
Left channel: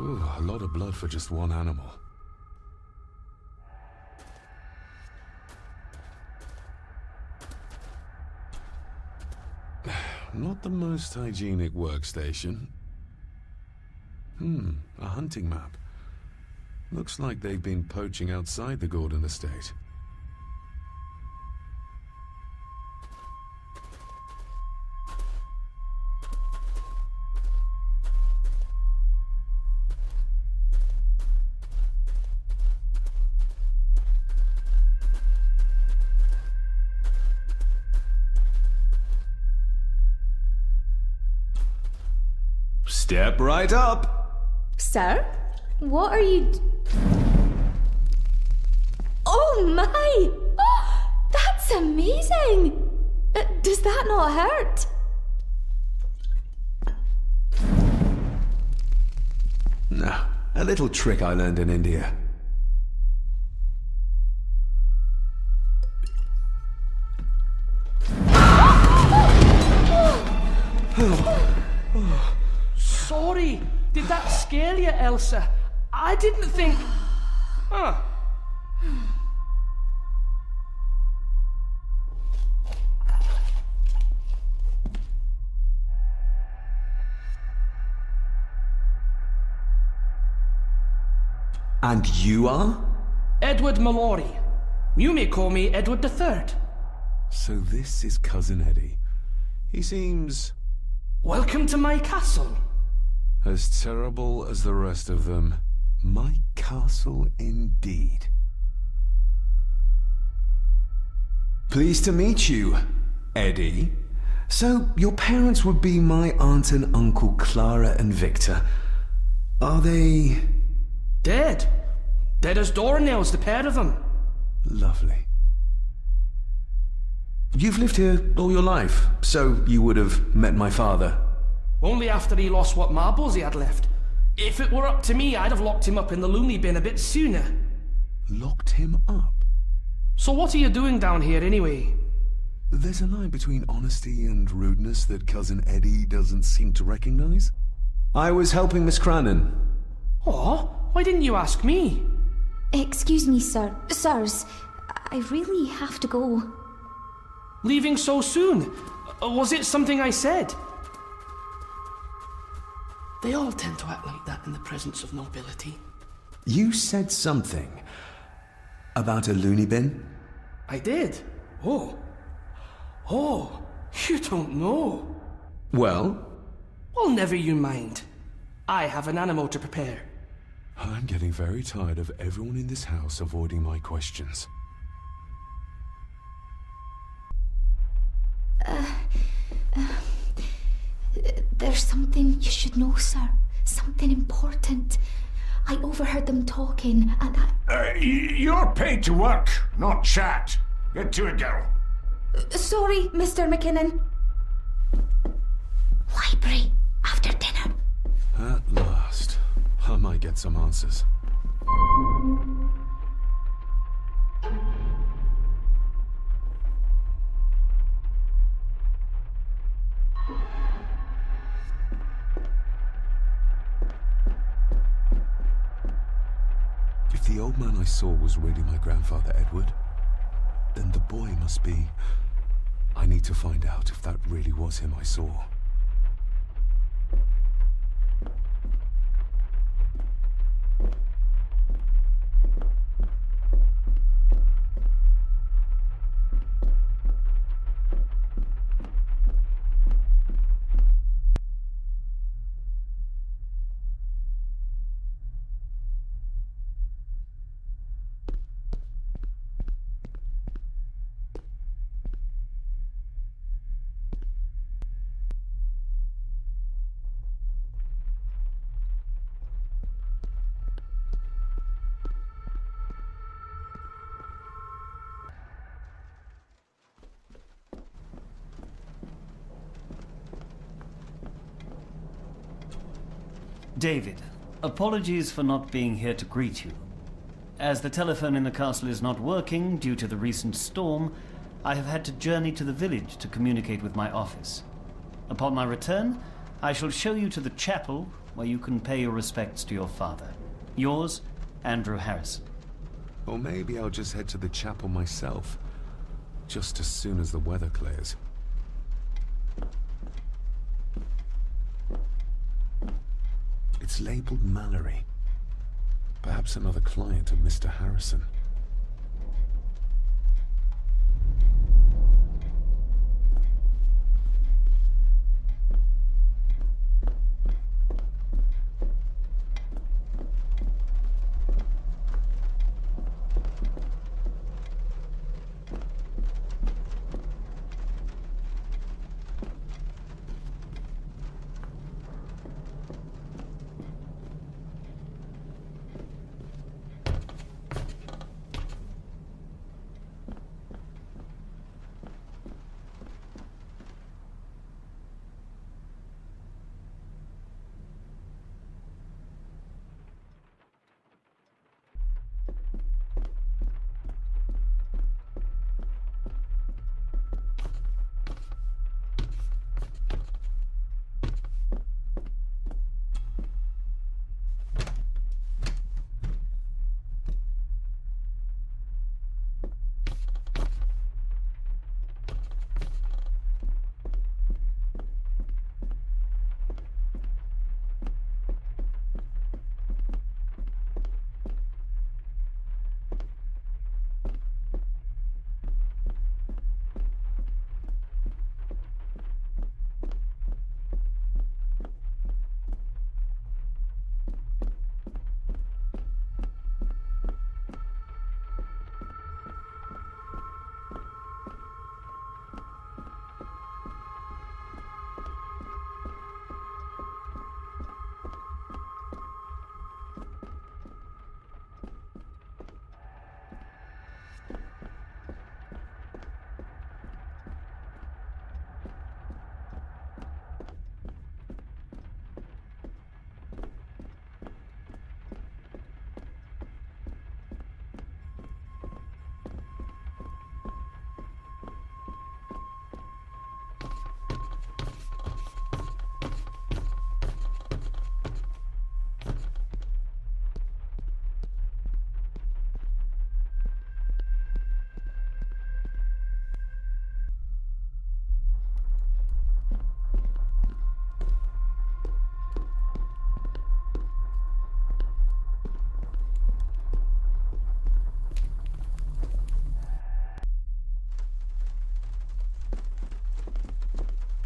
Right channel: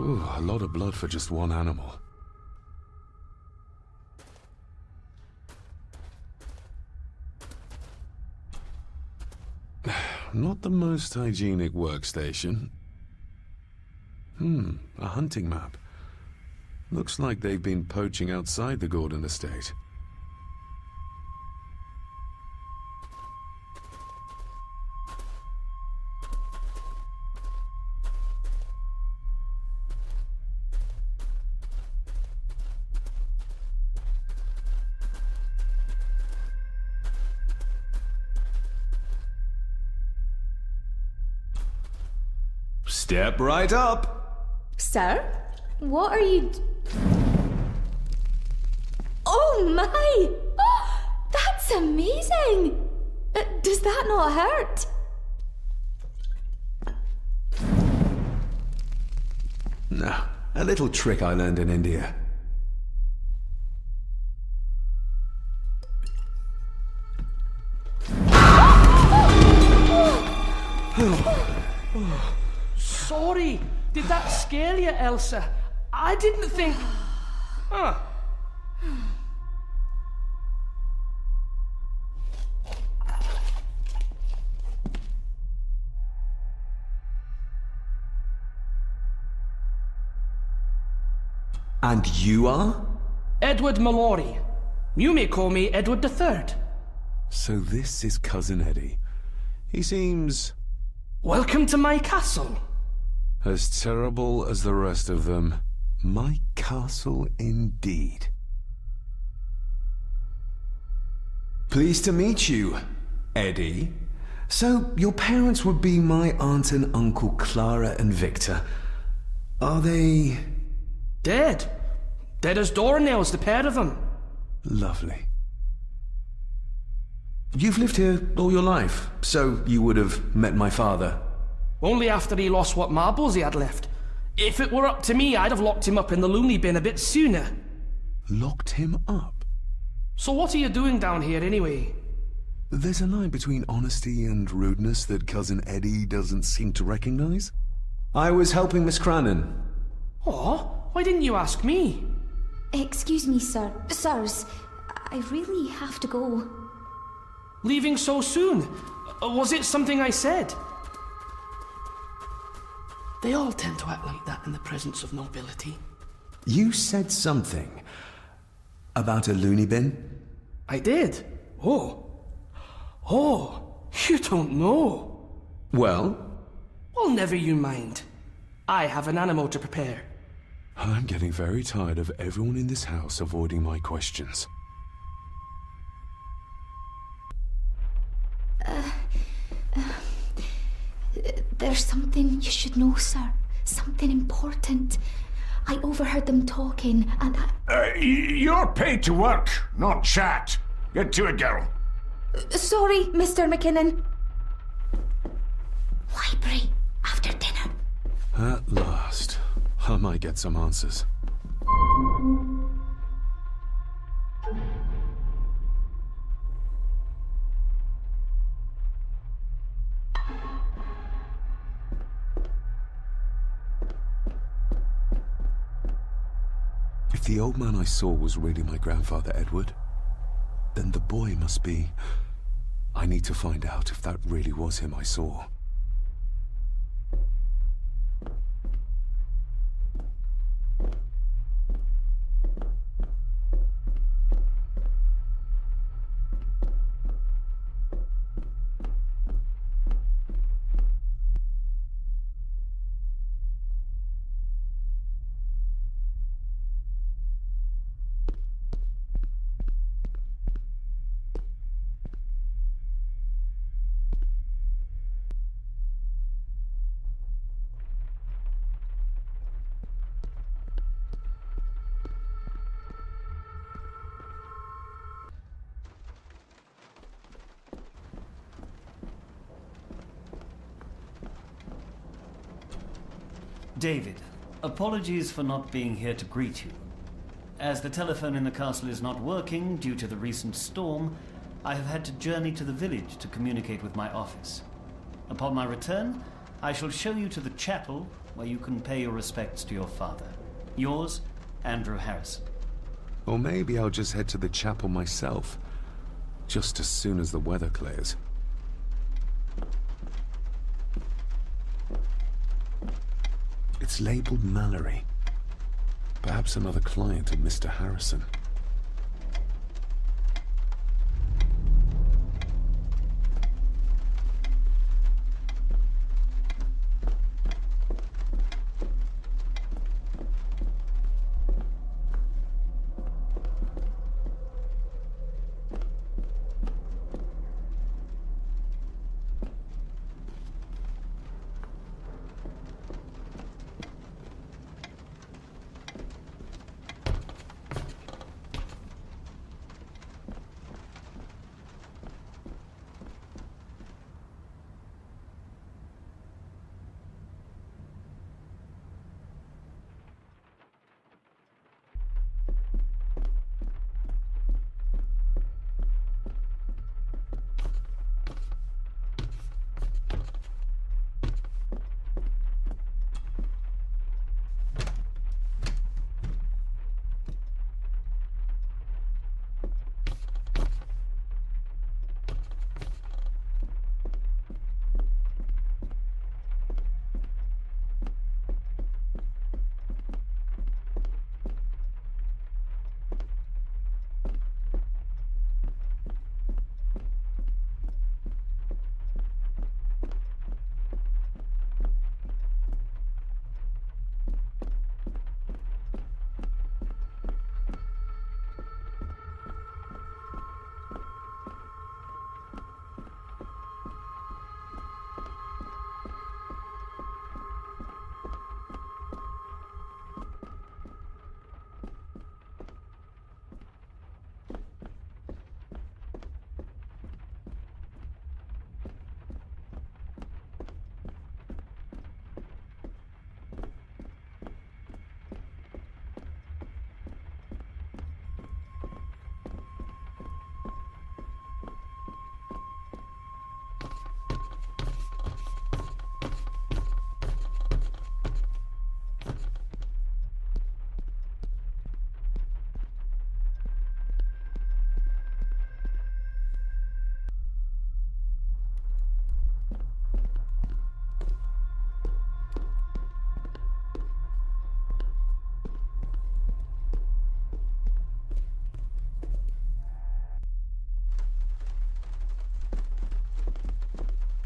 Ooh, a lot of blood for just one animal. Not the most hygienic workstation. A hunting map. Looks like they've been poaching outside the Gordon estate. Step right up! Sir? What are you... Oh my! Oh, that's amazing! Does that not hurt? No, a little trick I learned in India. Sorry, did that scare you, Elsa? I didn't think... And you are? Edward Mallory. You may call me Edward III. So this is Cousin Eddie. He seems... Welcome to my castle. as terrible as the rest of them. My castle indeed. Pleased to meet you, Eddie. So, your parents would be my aunt and uncle Clara and Victor. Are they... Dead. Dead as doornails, the pair of them. Lovely. You've lived here all your life, so you would have met my father. Only after he lost what marbles he had left. If it were up to me, I'd have locked him up in the loony bin a bit sooner. Locked him up? So what are you doing down here anyway? There's a line between honesty and rudeness that Cousin Eddie doesn't seem to recognize. I was helping Miss Crannan. Oh, why didn't you ask me? Excuse me, sir. Sirs, I really have to go. Leaving so soon? Was it something I said? They all tend to act like that in the presence of nobility. You said something about a loony bin? I did. Oh, you don't know. Well? Well, never you mind. I have an animal to prepare. I'm getting very tired of everyone in this house avoiding my questions. There's something you should know, sir. Something important. I overheard them talking, and You're paid to work, not chat. Get to it, girl. Sorry, Mr. McKinnon. Library, after dinner. At last. I might get some answers. If the old man I saw was really my grandfather Edward, then the boy must be... I need to find out if that really was him I saw. David, apologies for not being here to greet you. As the telephone in the castle is not working due to the recent storm, I have had to journey to the village to communicate with my office. Upon my return, I shall show you to the chapel where you can pay your respects to your father. Yours, Andrew Harrison. Or maybe I'll just head to the chapel myself, just as soon as the weather clears. It's labeled Mallory. Perhaps another client of Mr. Harrison.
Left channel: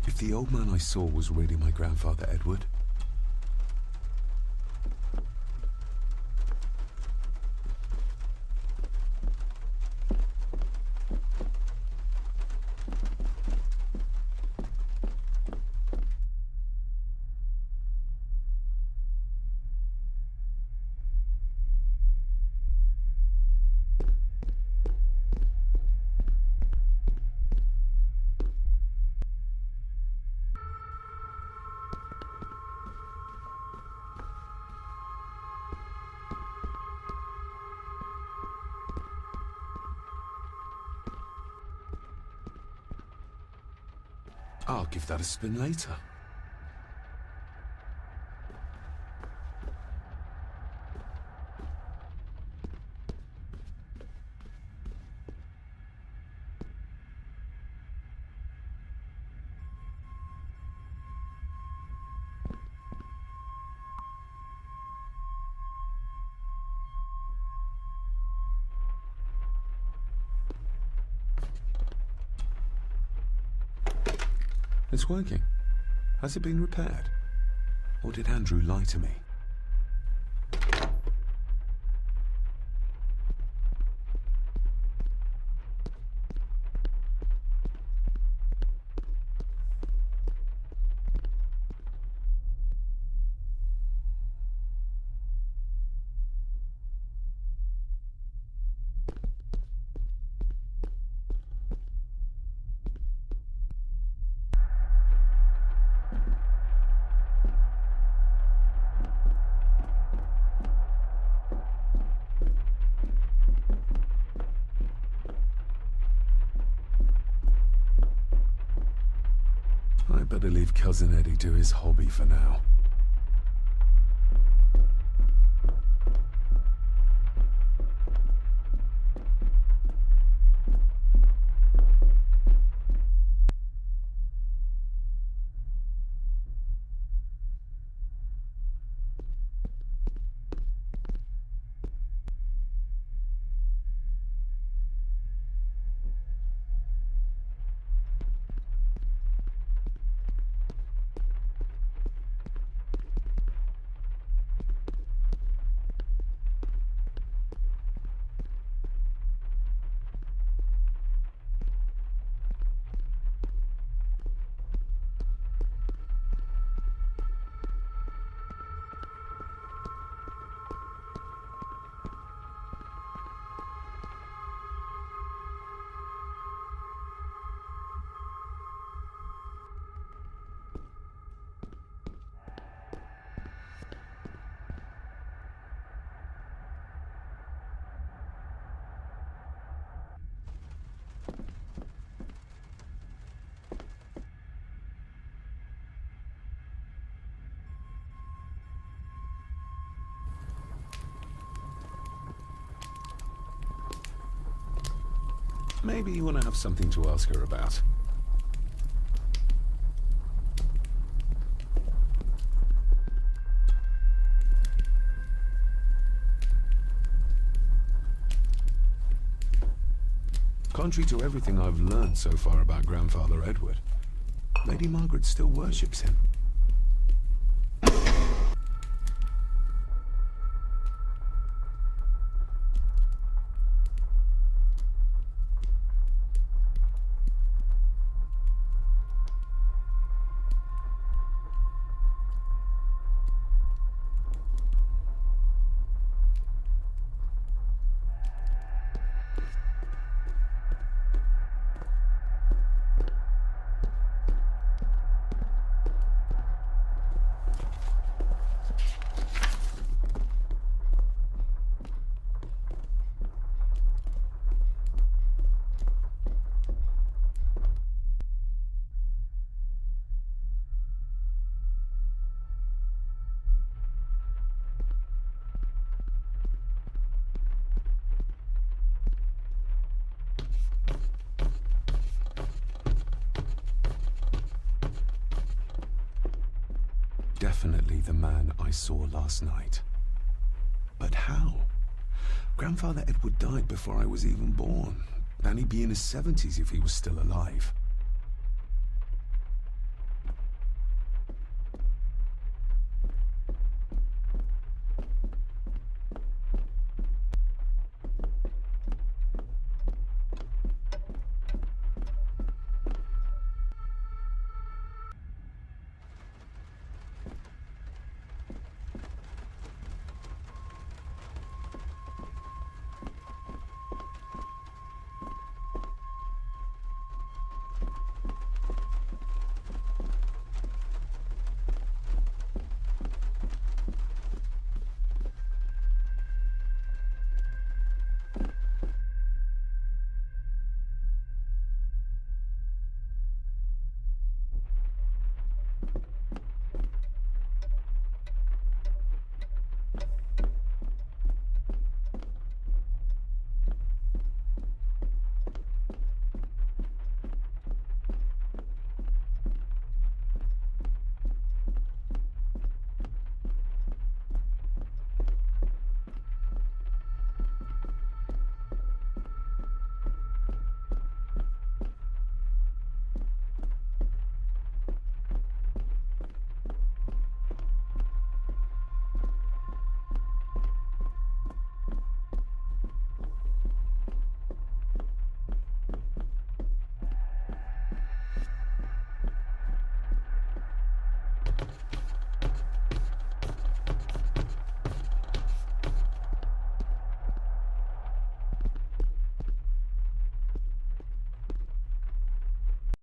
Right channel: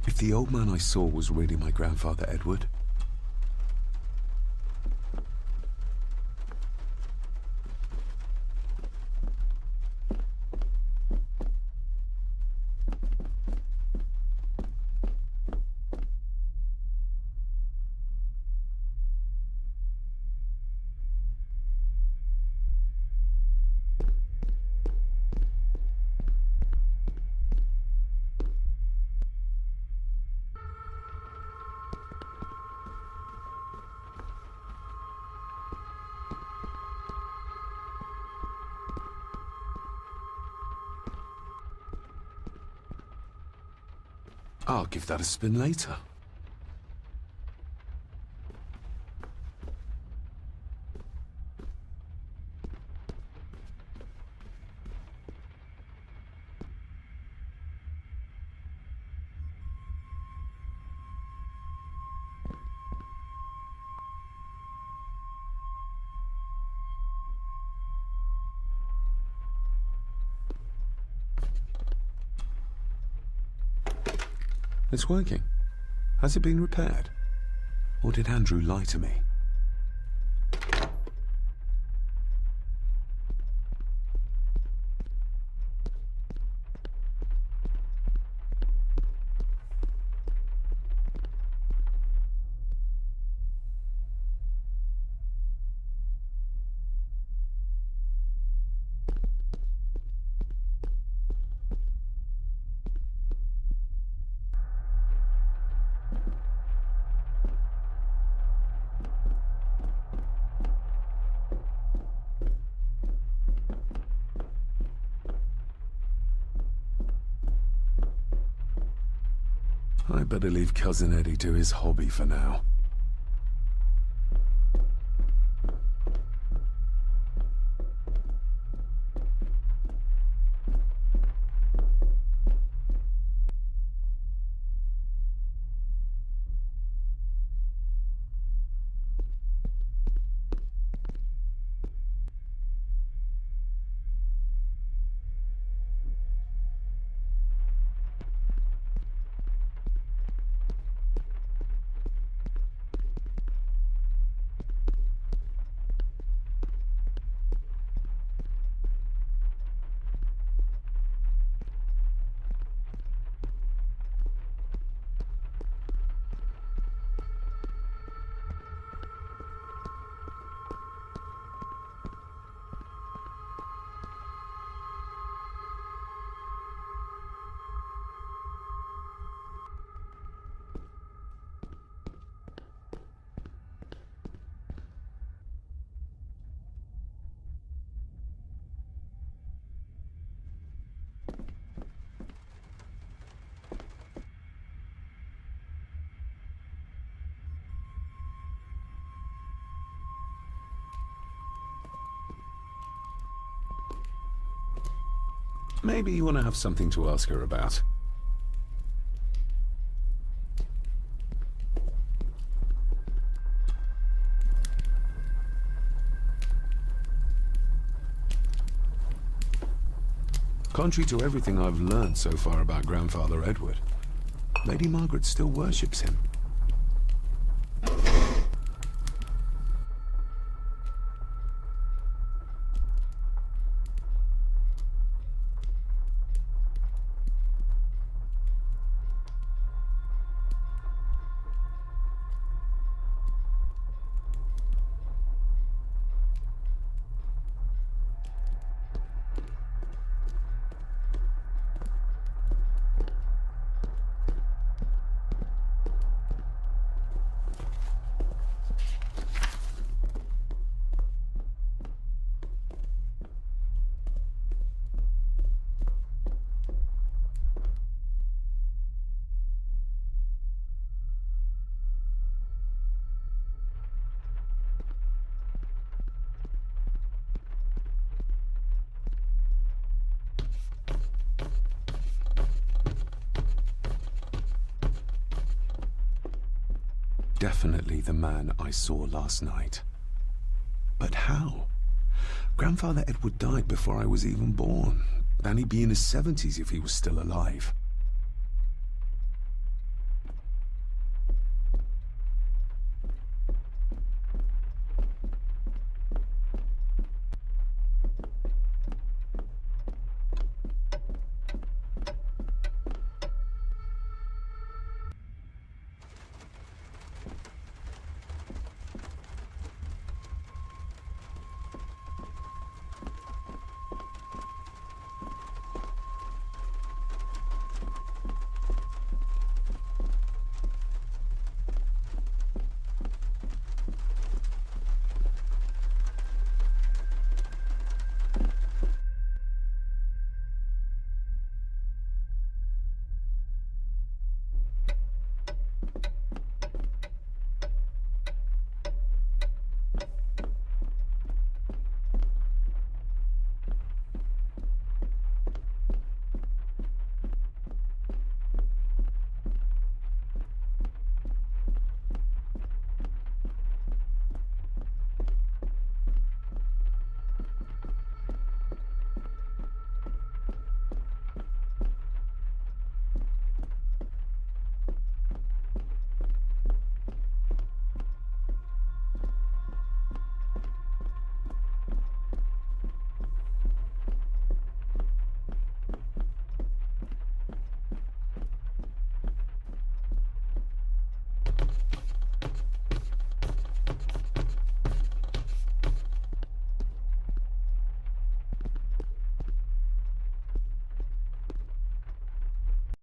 If the old man I saw was really my grandfather Edward, I'll give that a spin later. It's working. Has it been repaired? Or did Andrew lie to me? I better leave Cousin Eddie to his hobby for now. Maybe you want to have something to ask her about. Contrary to everything I've learned so far about Grandfather Edward, Lady Margaret still worships him. Definitely the man I saw last night. But how? Grandfather Edward died before I was even born. And he'd be in his 70s if he was still alive.